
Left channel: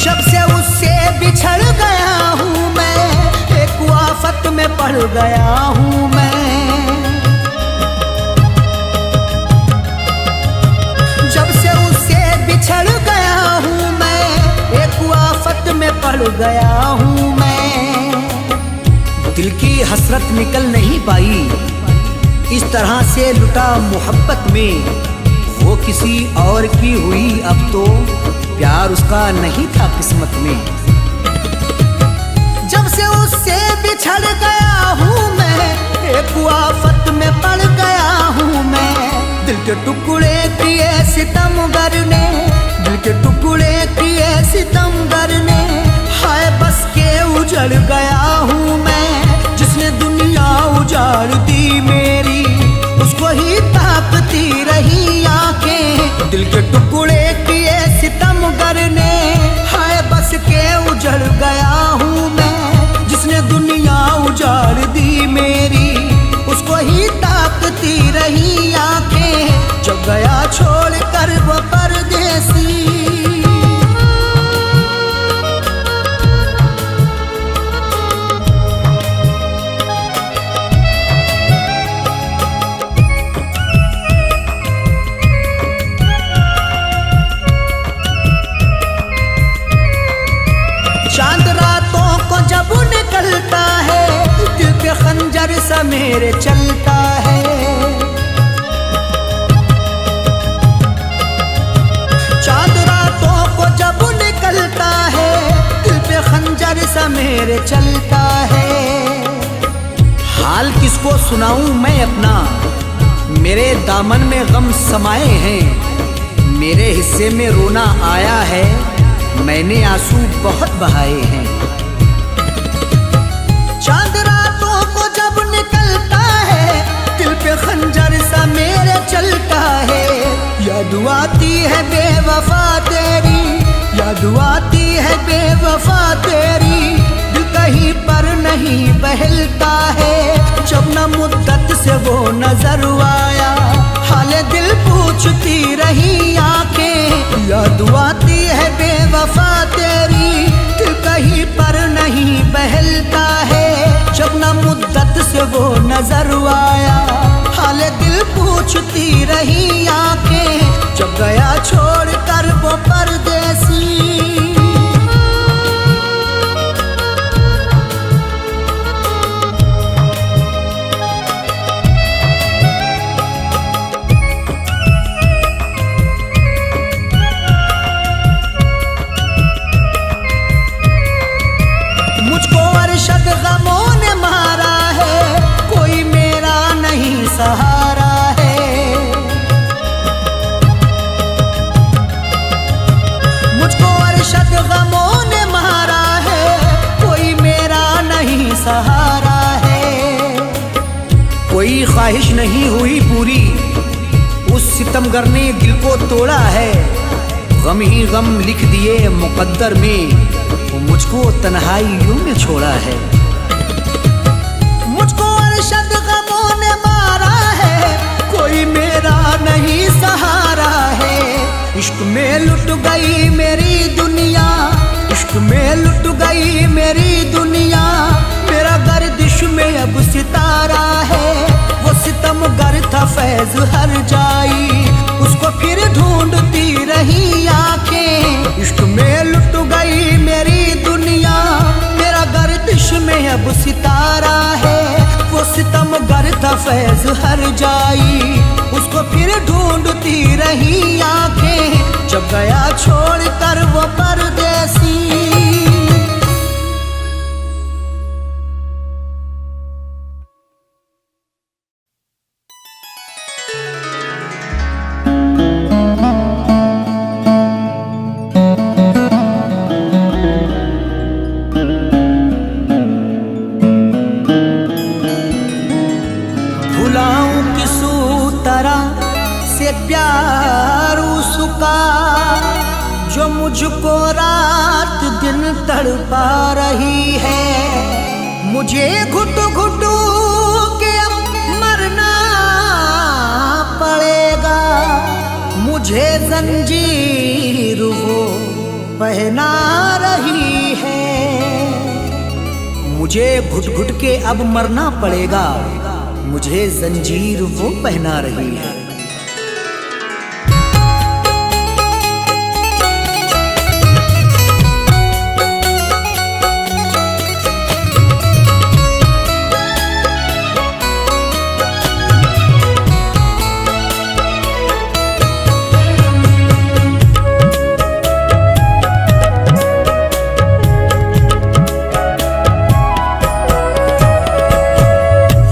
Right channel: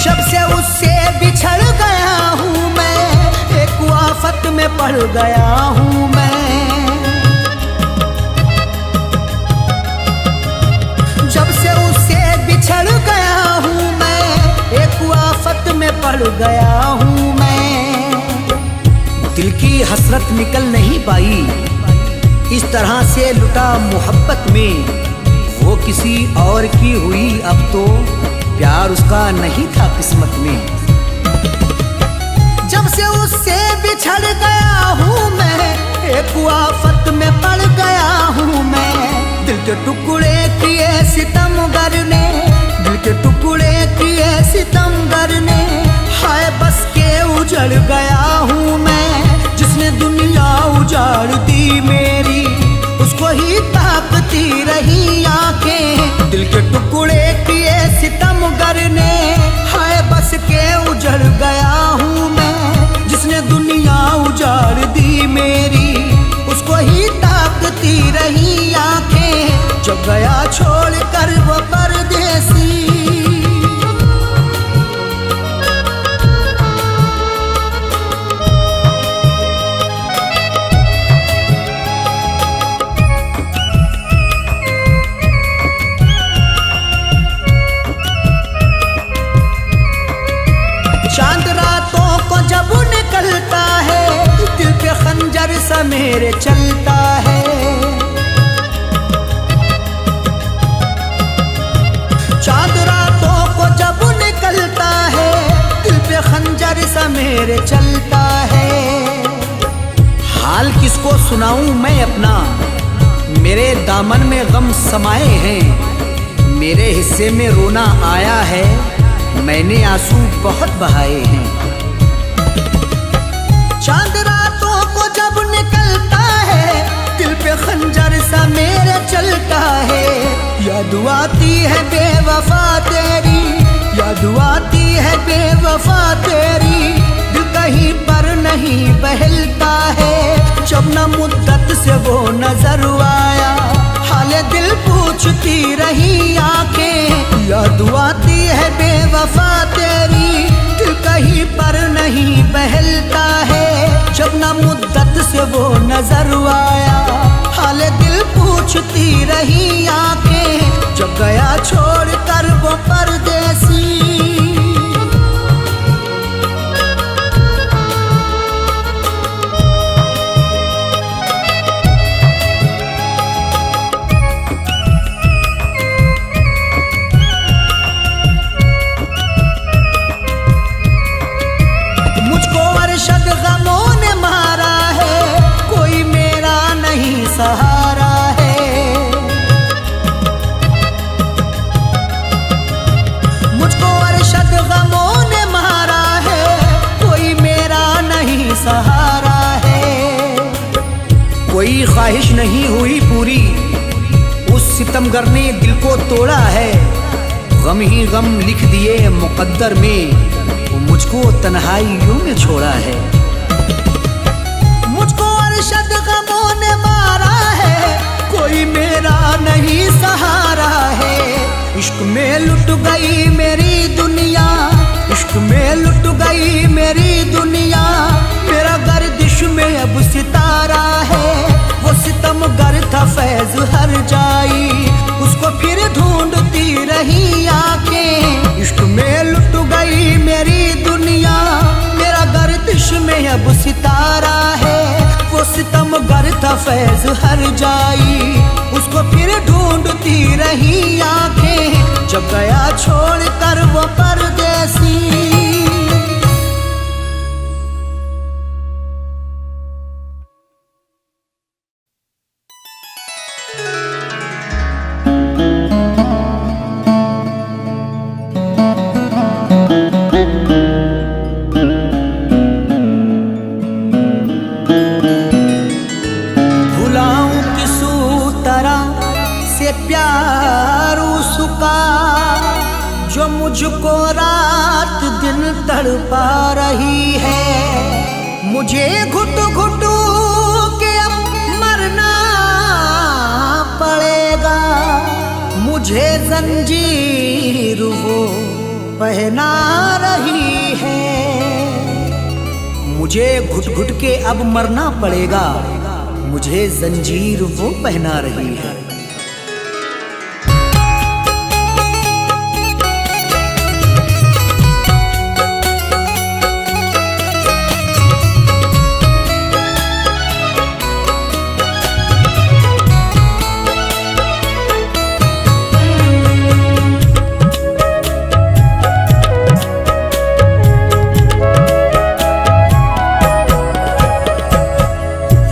जब से उससे बिछड़ गया हूँ मैं, एक आफत में पड़ गया हूँ मैं। जब से उससे बिछड़ गया हूँ मैं, एक आफत में पड़ गया हूँ मैं। दिल की हसरत निकल नहीं पाई, इस तरह से लुटा मोहब्बत में। वो किसी और की हुई, अब तो प्यार उसका नहीं था किस्मत में। जब से उससे बिछड़ गया हूँ मैं, एक आफत में पड़ गया हूँ मैं। दिल के टुकड़े किए सितमगर ने, दिल के टुकड़े किए सितमगर ने। हाय बस के उजड़ गया हूँ मैं, जिसने दुनिया उजाड़ दी मेरी, उसको ही ताकती रही आंखें। दिल के टुकड़े किए सितमगर ने। हाय बस के उजड़ गया हूँ मैं, जिसने दुनिया उजाड़ दी मेरी, उसको ही ताकती रही आंखें। जब गया छोड़ कर वो परदेसी। चांद रातों को जब निकलता है, दिल पे खंजर सा मेरे चलता है। चांद रातों को जब निकलता है, दिल पे खंजर सा मेरे चलता है। हाल किसको सुनाऊं मैं अपना, मेरे दामन में गम समाए हैं। मेरे हिस्से में रोना आया है, मैंने आंसू बहुत बहाए हैं। चांद रातों को जब निकलता है, दिल पे खंजर सा मेरे चलता है। याद आती है बेवफा तेरी, याद आती है बेवफा तेरी। दिल कहीं पर नहीं बहलता है, जब न मुद्दत से वो नजर आया, हाले दिल पूछती रही आंखें। याद आती है बेवफा तेरी, दिल कहीं पर नहीं बहलता है, जब न मुद्दत से वो नजर आया, हाले दिल पूछती रही आंखें। जब गया छोड़ कर वो परदेसी, मुझको अरशद गमों ने मारा है, कोई मेरा नहीं सहारा है। मुझको अरशद गमों ने मारा है, कोई मेरा नहीं सहारा है। कोई ख्वाहिश नहीं हुई पूरी, उस सितमगर ने दिल को तोड़ा है। गम ही गम लिख दिए मुकद्दर में, वो मुझको तन्हाइयों में छोड़ा है। मुझको अरशद गमों ने मारा है, कोई मेरा नहीं सहारा है। इश्क में लुट गई मेरी दुनिया, इश्क में लुट गई मेरी दुनिया। मेरा गर्दिश में अब सितारा है, वो सितमगर था फैज हर जाई, उसको फिर ढूंढती रही आंखें। इश्क में लुट गई मेरी दुनिया, मेरा गर्दिश में अब सितारा है, वो सितमगर था फैज हर जाई, उसको फिर ढूंढती रही आंखें। जब गया छोड़ कर वो परदेसी, प्यार उसका जो मुझको रात दिन तड़पा रही है। मुझे घुट घुट के अब मरना पड़ेगा, मुझे जंजीर वो पहना रही है। मुझे घुट घुट के अब मरना पड़ेगा, मुझे जंजीर वो पहना रही है।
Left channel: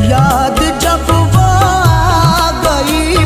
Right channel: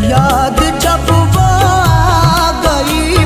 याद जब वो आ गई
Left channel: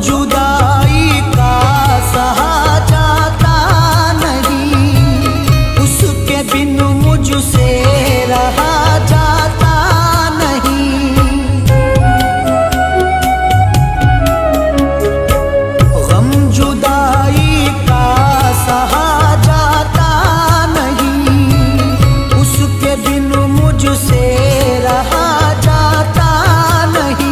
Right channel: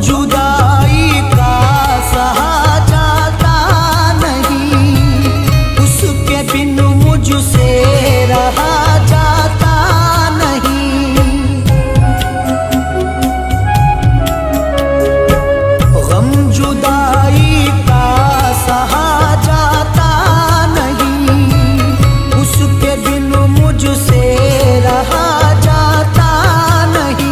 जुदाई का सहा जाता नहीं, उसके बिन मुझसे रहा जाता नहीं। गम जुदाई का सहा जाता नहीं, उसके बिन मुझसे रहा जाता नहीं।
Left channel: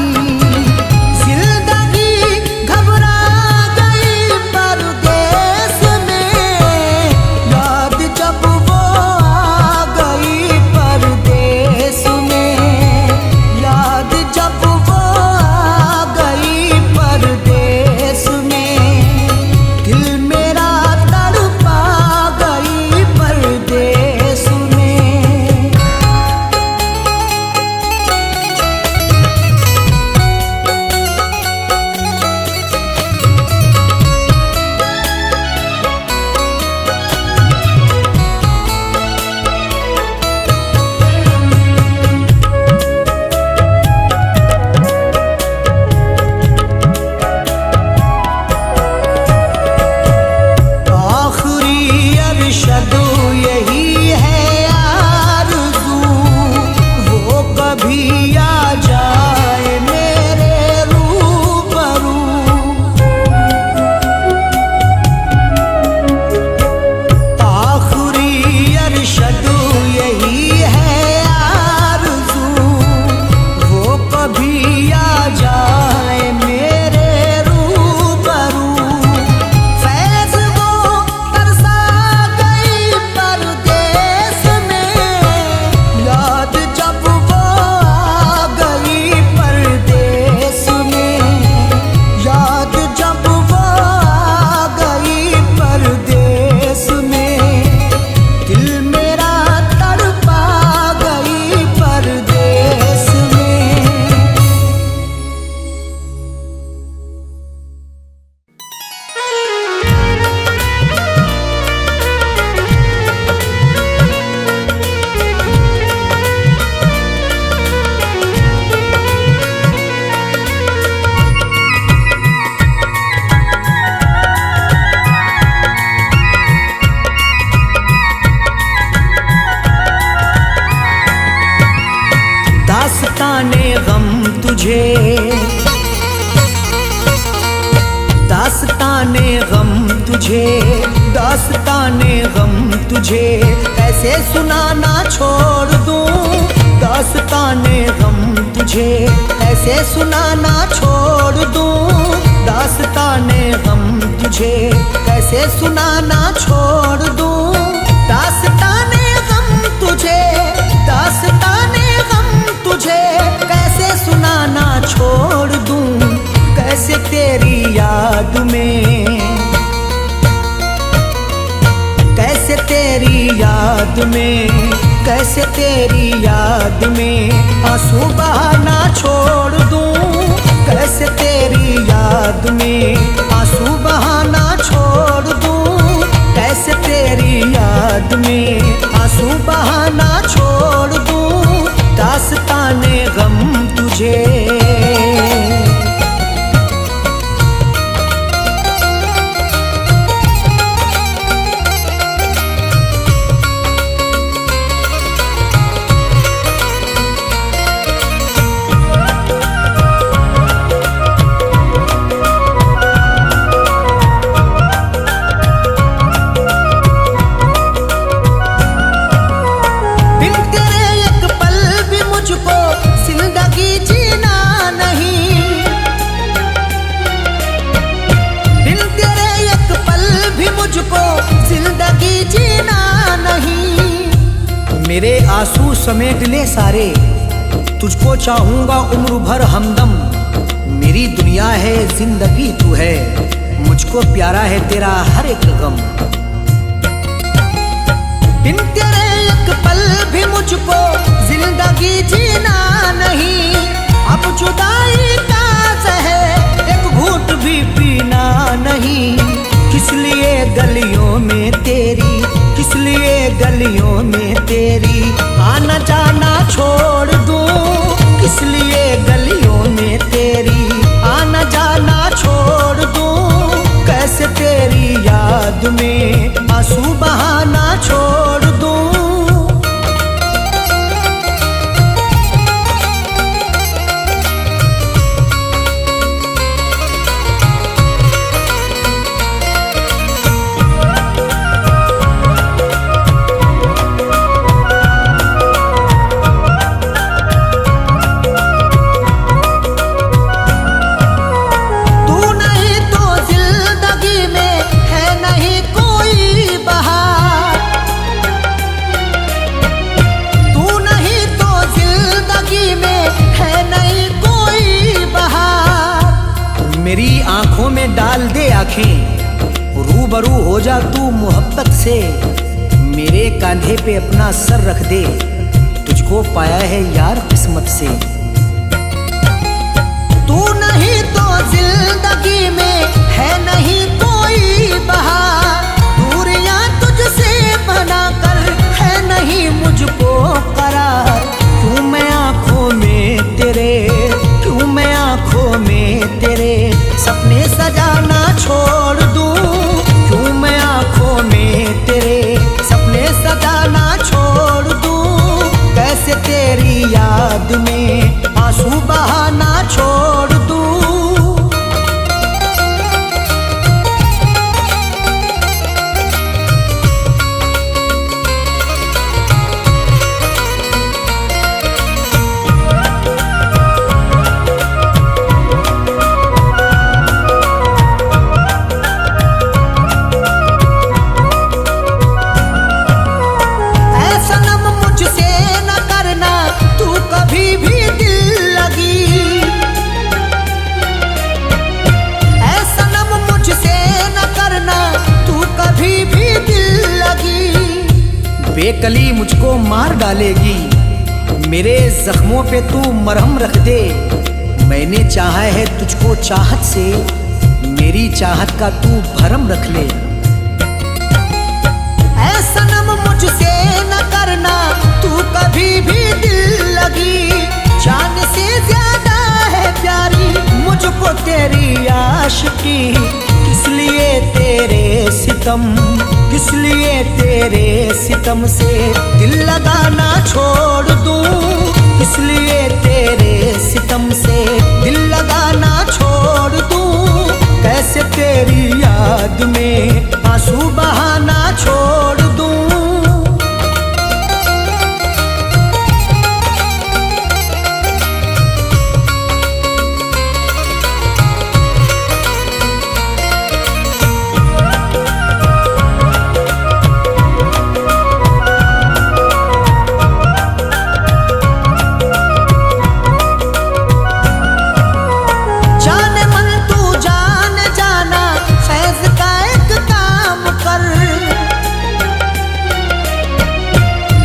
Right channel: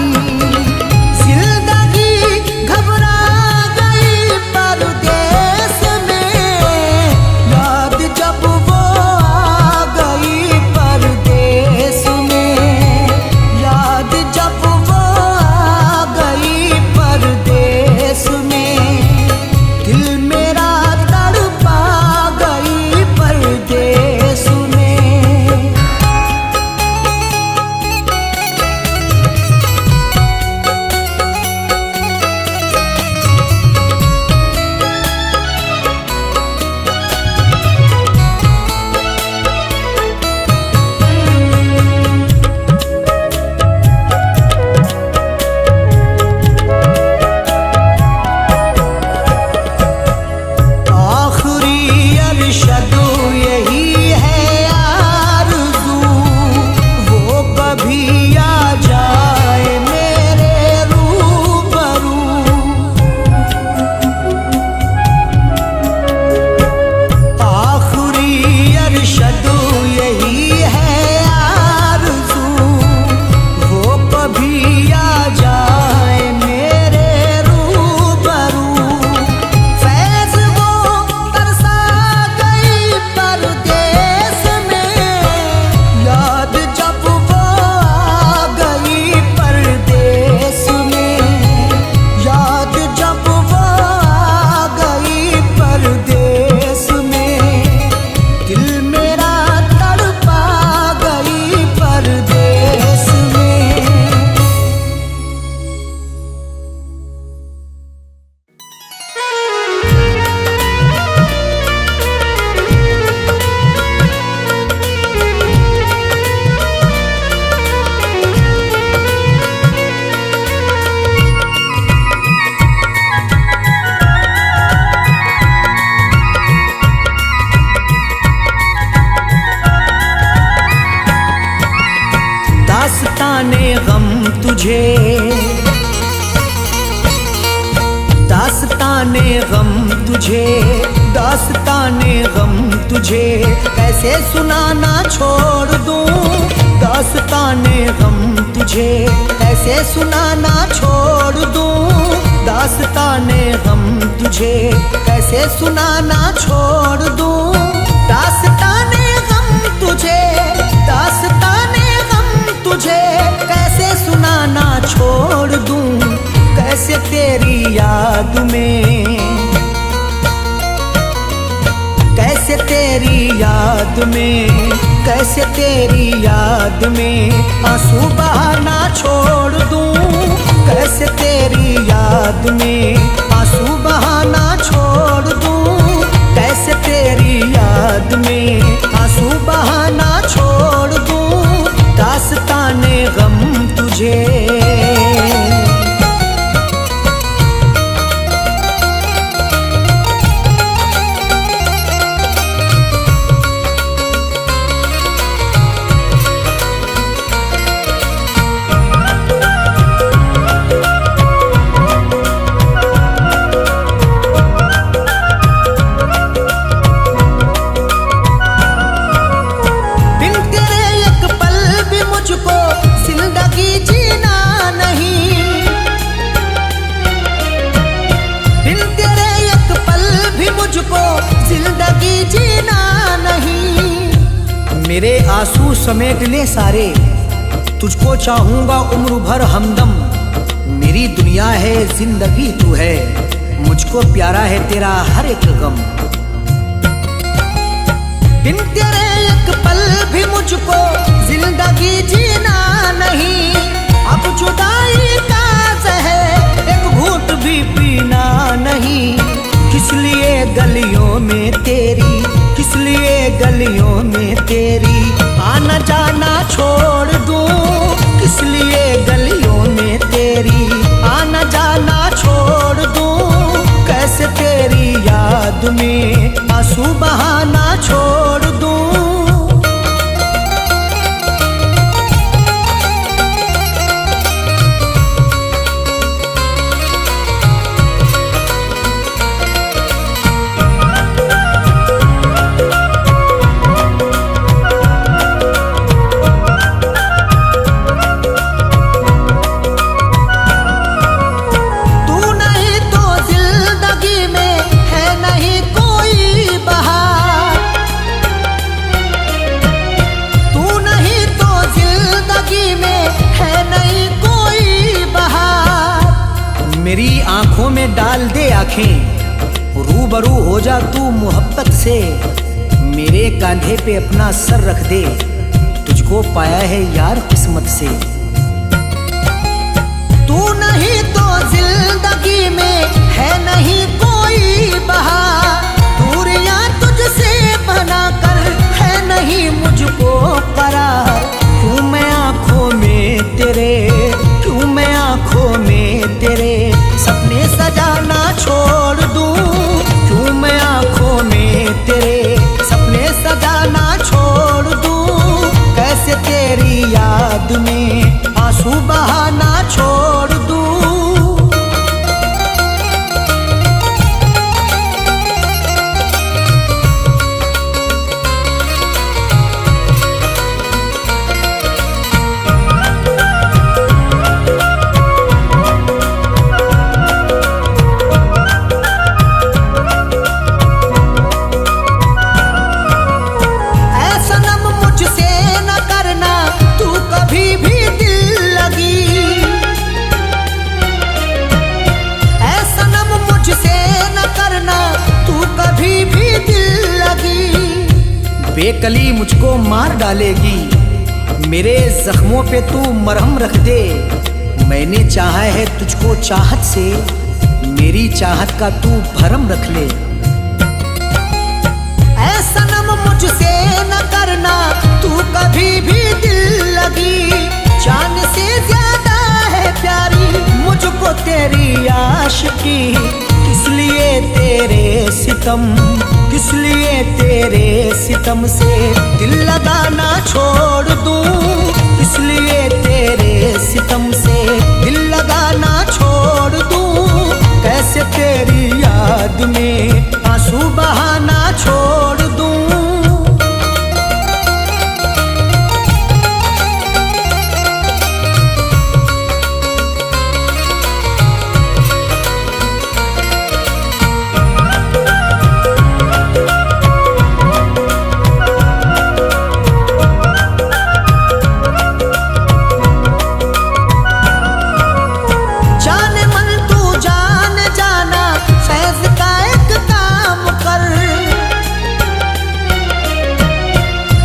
जब वो आ गई परदेस में, याद जब वो आ गई परदेस में, दिल मेरा तड़पा गई परदेस में। अरशद यही है आरज़ू, वो कभी आ जाए मेरे रूबरू। आखिरी अरशद यही है आरज़ू, वो कभी आ जाए मेरे रूबरू। जब वो आ गई परदेस में, याद जब वो आ गई परदेस में, दिल मेरा तड़पा गई परदेस में। दास्ताने गम तुझे, दास्ताने गम तुझे, दास्ताने गम तुझे कैसे सुनाना छोड़ दूं। दास्ताने गम तुझे कैसे सुनाना छोड़ दूं। दास्ताने गम तुझे कैसे सुनाना छोड़ दूं। दास्ताने गम तुझे, दास्ताने तुझे कैसे सुनाना छोड़ दूं। कैसे तेरी याद में, कैसे तेरी याद में, कैसे तेरी याद में आंसू बहाना छोड़ दूं। कैसे तेरी याद में आंसू बहाना छोड़ दूं। कैसे तेरी याद में आंसू बहाना छोड़ दूं। दास्ताने गम तुझे। जिंदगी जीना नहीं, बिन तेरे एक पल भी मुझको जिंदगी जीना नहीं। मेरे आंसू समेट ले सारे, तुझको चाहूंगा उम्र भर हमदम। मेरी दुनिया है जिंदगी तू है, मुझको प्यारा है तेरा हर एक गम। बिन तेरे एक पल भी मुझको जिंदगी जीना नहीं। अब जुदाई का ज़हर एक घूंट भी पीना नहीं। किस लिए गलियों में तेरी, किस लिए गलियों में तेरी आना जाना छोड़ दूं। किस लिए गलियों में तेरी आना जाना छोड़ याद में आंसू बहाना छोड़ दूं। मेरी आंखों में डाल दे आंखें, रूबरू हो जा तू मोहब्बत से। मेरे कांधे पे अपना सर रख दे, तुझको पाया है यार किस्मत से। तू नहीं तो जिंदगी में है नहीं कोई बहार, दूरियां तुझसे बना कर है नहीं मुझको करार। क्यों मैं आंखों में तेरे, क्यों मैं आंखों में तेरे सपने सजाना छोड़ दूं। क्यों मैं आंखों में तेरे सपने सजाना छोड़ दूं। कैसे तेरी याद में आंसू बहाना छोड़ दूं। कभी भी दिल लगी ऐसा नम मुझसे न करना, तू कभी भी दिल लगी। बेकली मुझको मार डालेगी, मेरे जख्मों पे तू मरहम रख दे। मैंने चाहा है तुझको चाहत से, मेरी चाहत का तू भरम रख ले। ऐसा नम मुझसे न करना, तू कभी भी दिल लगी। जान से ज्यादा है प्यारी मुझको तेरी आशिकी। किस लिए तेरे सितम, किस लिए तेरे सितम से दिल लगाना छोड़ दूं। किस लिए तेरे सितम से दिल लगाना छोड़ दूं। कैसे तेरी याद में आंसू बहाना छोड़ दूं।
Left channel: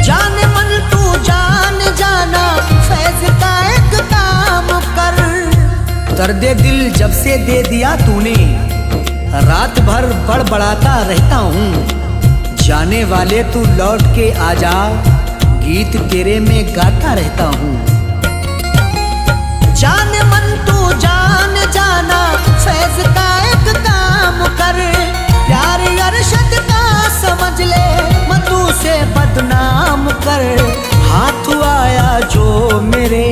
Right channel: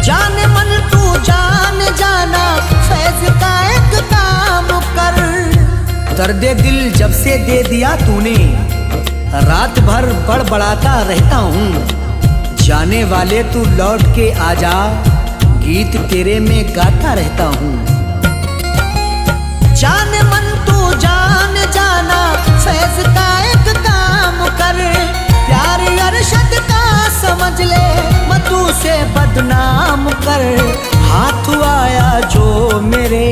जाने मन तू जान जाना, फैज का एक काम कर। दर्द दिल जब से दे दिया तूने, रात भर बड़बड़ाता रहता हूँ। जाने वाले तू लौट के आजा, गीत तेरे में गाता रहता हूँ। जाने मन तू जान जाना, फैज का एक काम कर। प्यार अरशद का समझ ले, मधु से बदनाम कर। हाथ आया जो मेरे,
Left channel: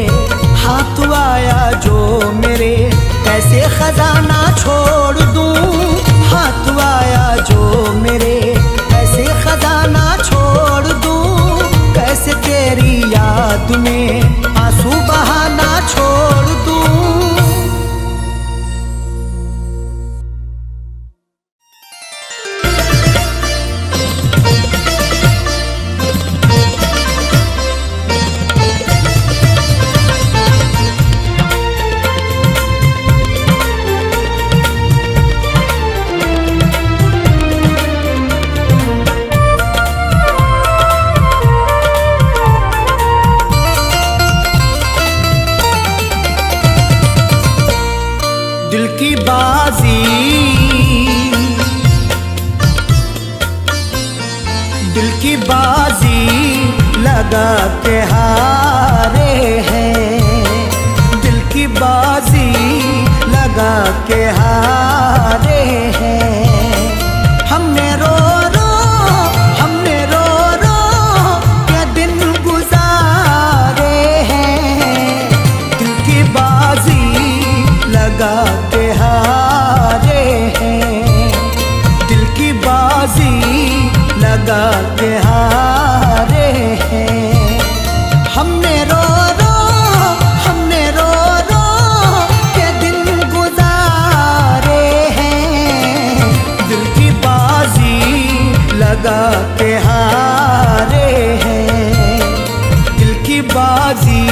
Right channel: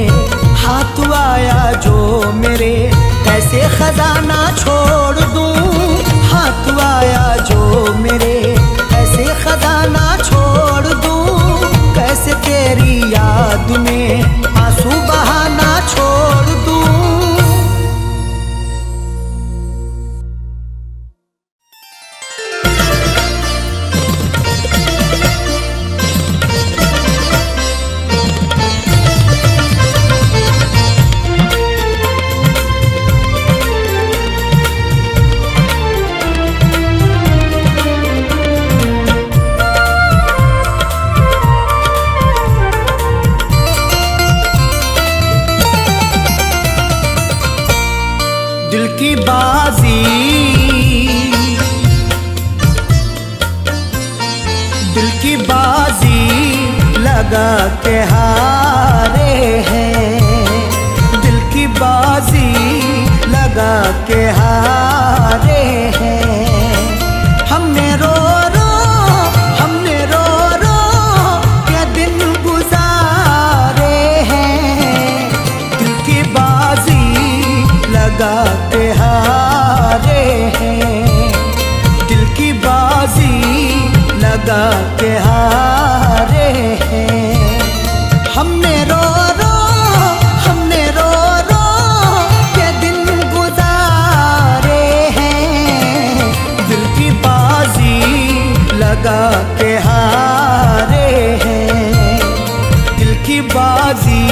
हाथ आया जो मेरे, कैसे खजाना छोड़ दूं। हाथ आया जो मेरे, कैसे खजाना छोड़ दूं। कैसे तेरी याद में आंसू बहाना छोड़ दूं। दिल की बाजी, दिल की बाजी लगा के हारे हैं। दिल की बाजी लगा के हारे हैं। हमने लगा के हारे हैं। हमने रो रो के दिन गुजारे हैं। दिल की बाजी लगा के हारे हैं। दिल की बाजी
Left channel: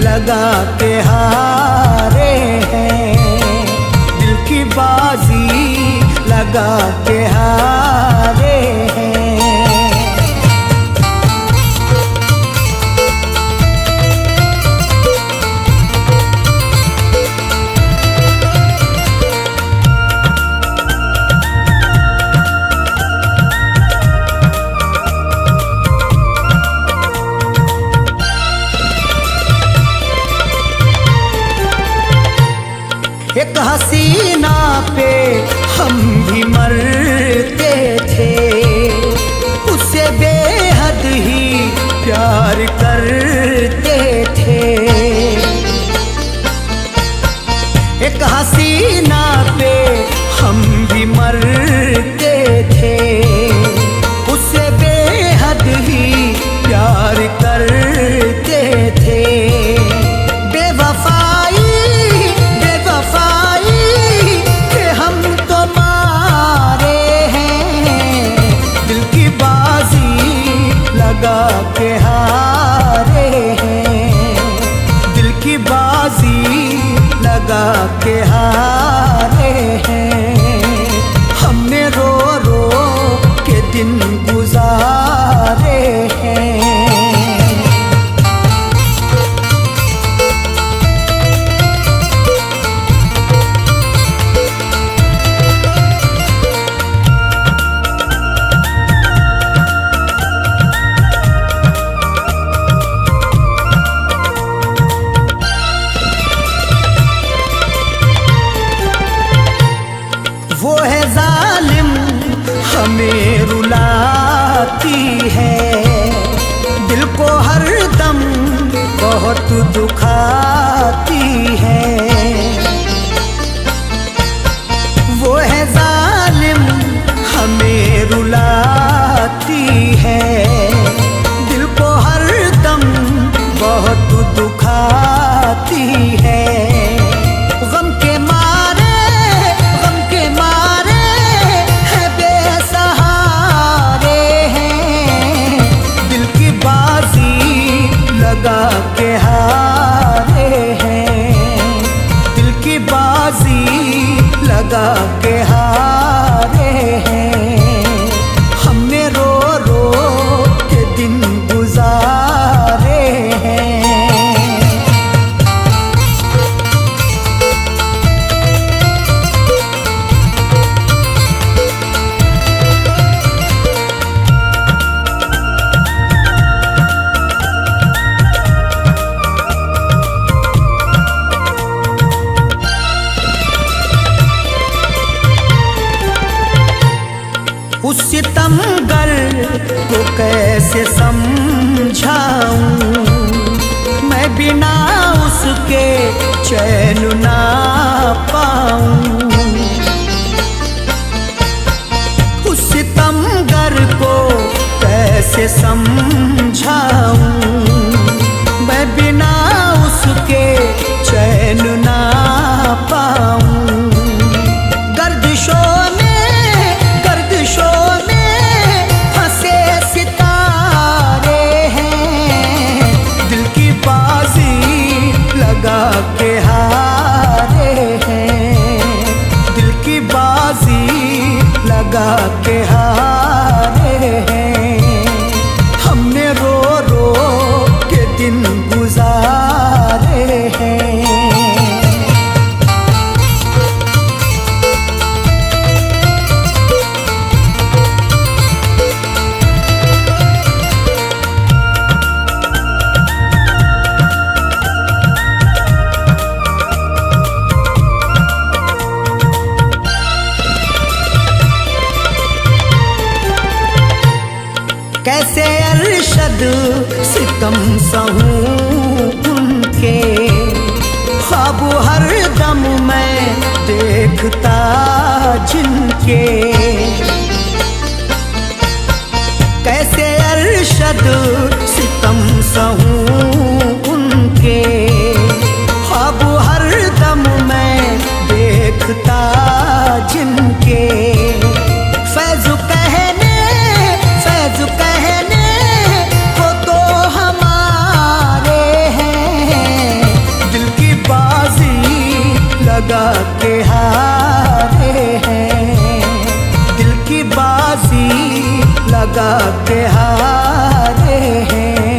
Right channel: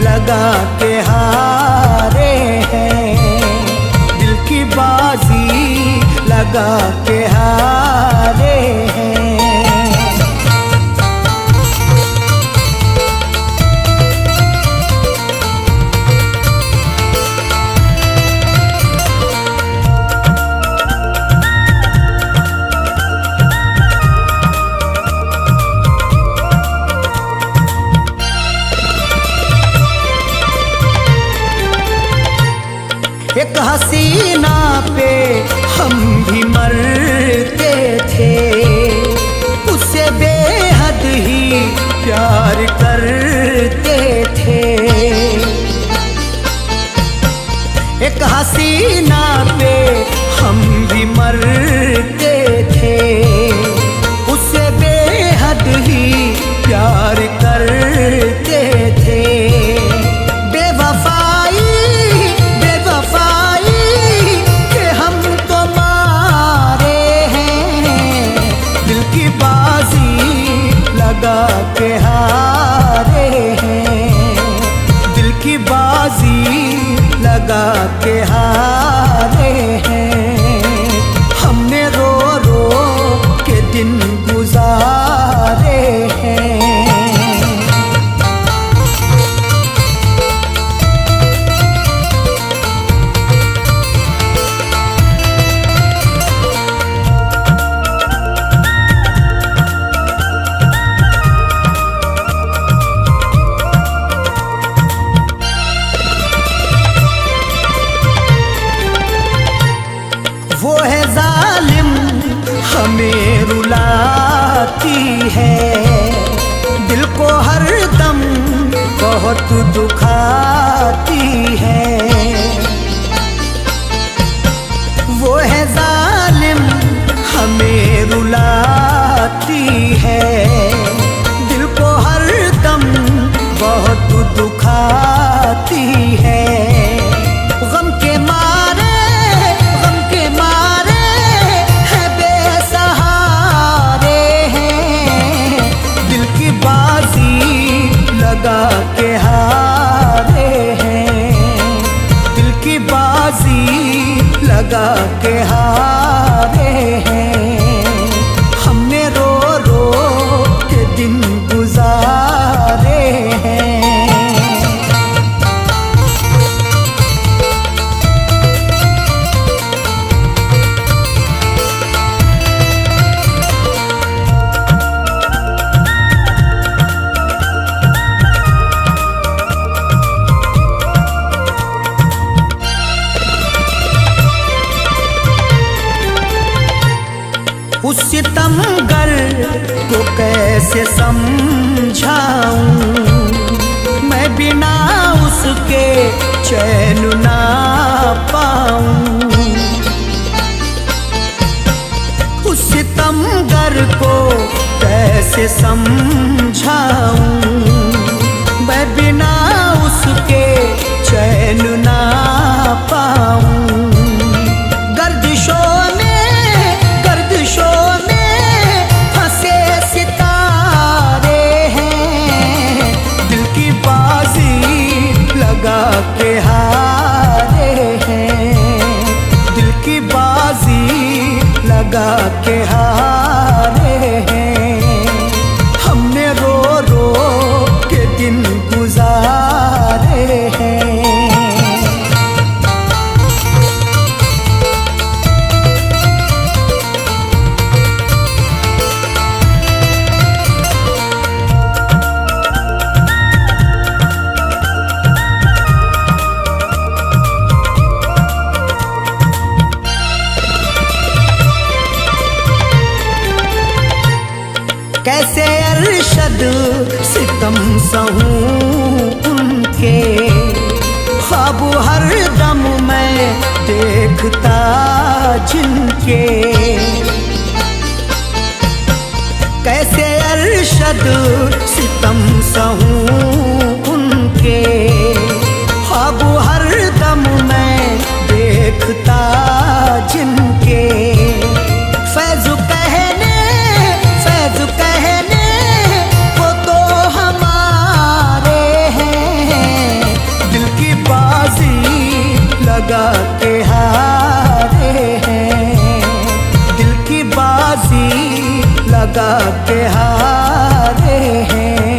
लगा के हारे हैं। दिल की बाजी लगा के हारे हैं। एक हसीना पे हम भी मरते थे, उससे बेहद ही प्यार करते थे। एक हसीना पे हम भी मरते थे, उससे बेहद ही प्यार करते थे। बेवफाई के हम तो मारे हैं। दिल की बाजी लगा के हारे हैं। दिल की बाजी लगा के हारे हैं। हमने रो के दिन गुजारे हैं। वो है जालिम हमें रुलाती है, दिल को हर दम बहुत दुखाती है। वो है जालिम हमें रुलाती है, दिल को हर दम बहुत दुखाती है। गम के मारे है बेसहारे हैं। दिल की बाजी लगा के हारे हैं। दिल की बाजी लगा के हारे हैं। हमने रो के दिन गुजारे हैं। उस सितमगर को कैसे समझाऊं, मैं बिना उसके चैन ना पाऊं। उस सितमगर को कैसे समझाऊं, मैं बिना उसके चैन ना पाऊं। गर्दिशों में फंसे सितारे हैं। दिल की बाजी लगा के हारे हैं। दिल की बाजी लगा के हारे हैं। हमने रो के दिन गुजारे हैं। कैसे अरशद सितम सहूं उनके, ख्वाब हर दम मैं देखता जिनके। कैसे अरशद सितम सहूं उनके, ख्वाब हर दम मैं देखता जिनके। फैज़ कहने वो तो हमारे हैं, दिल की बाजी लगा के हारे हैं, दिल की बाजी लगा के हारे हैं।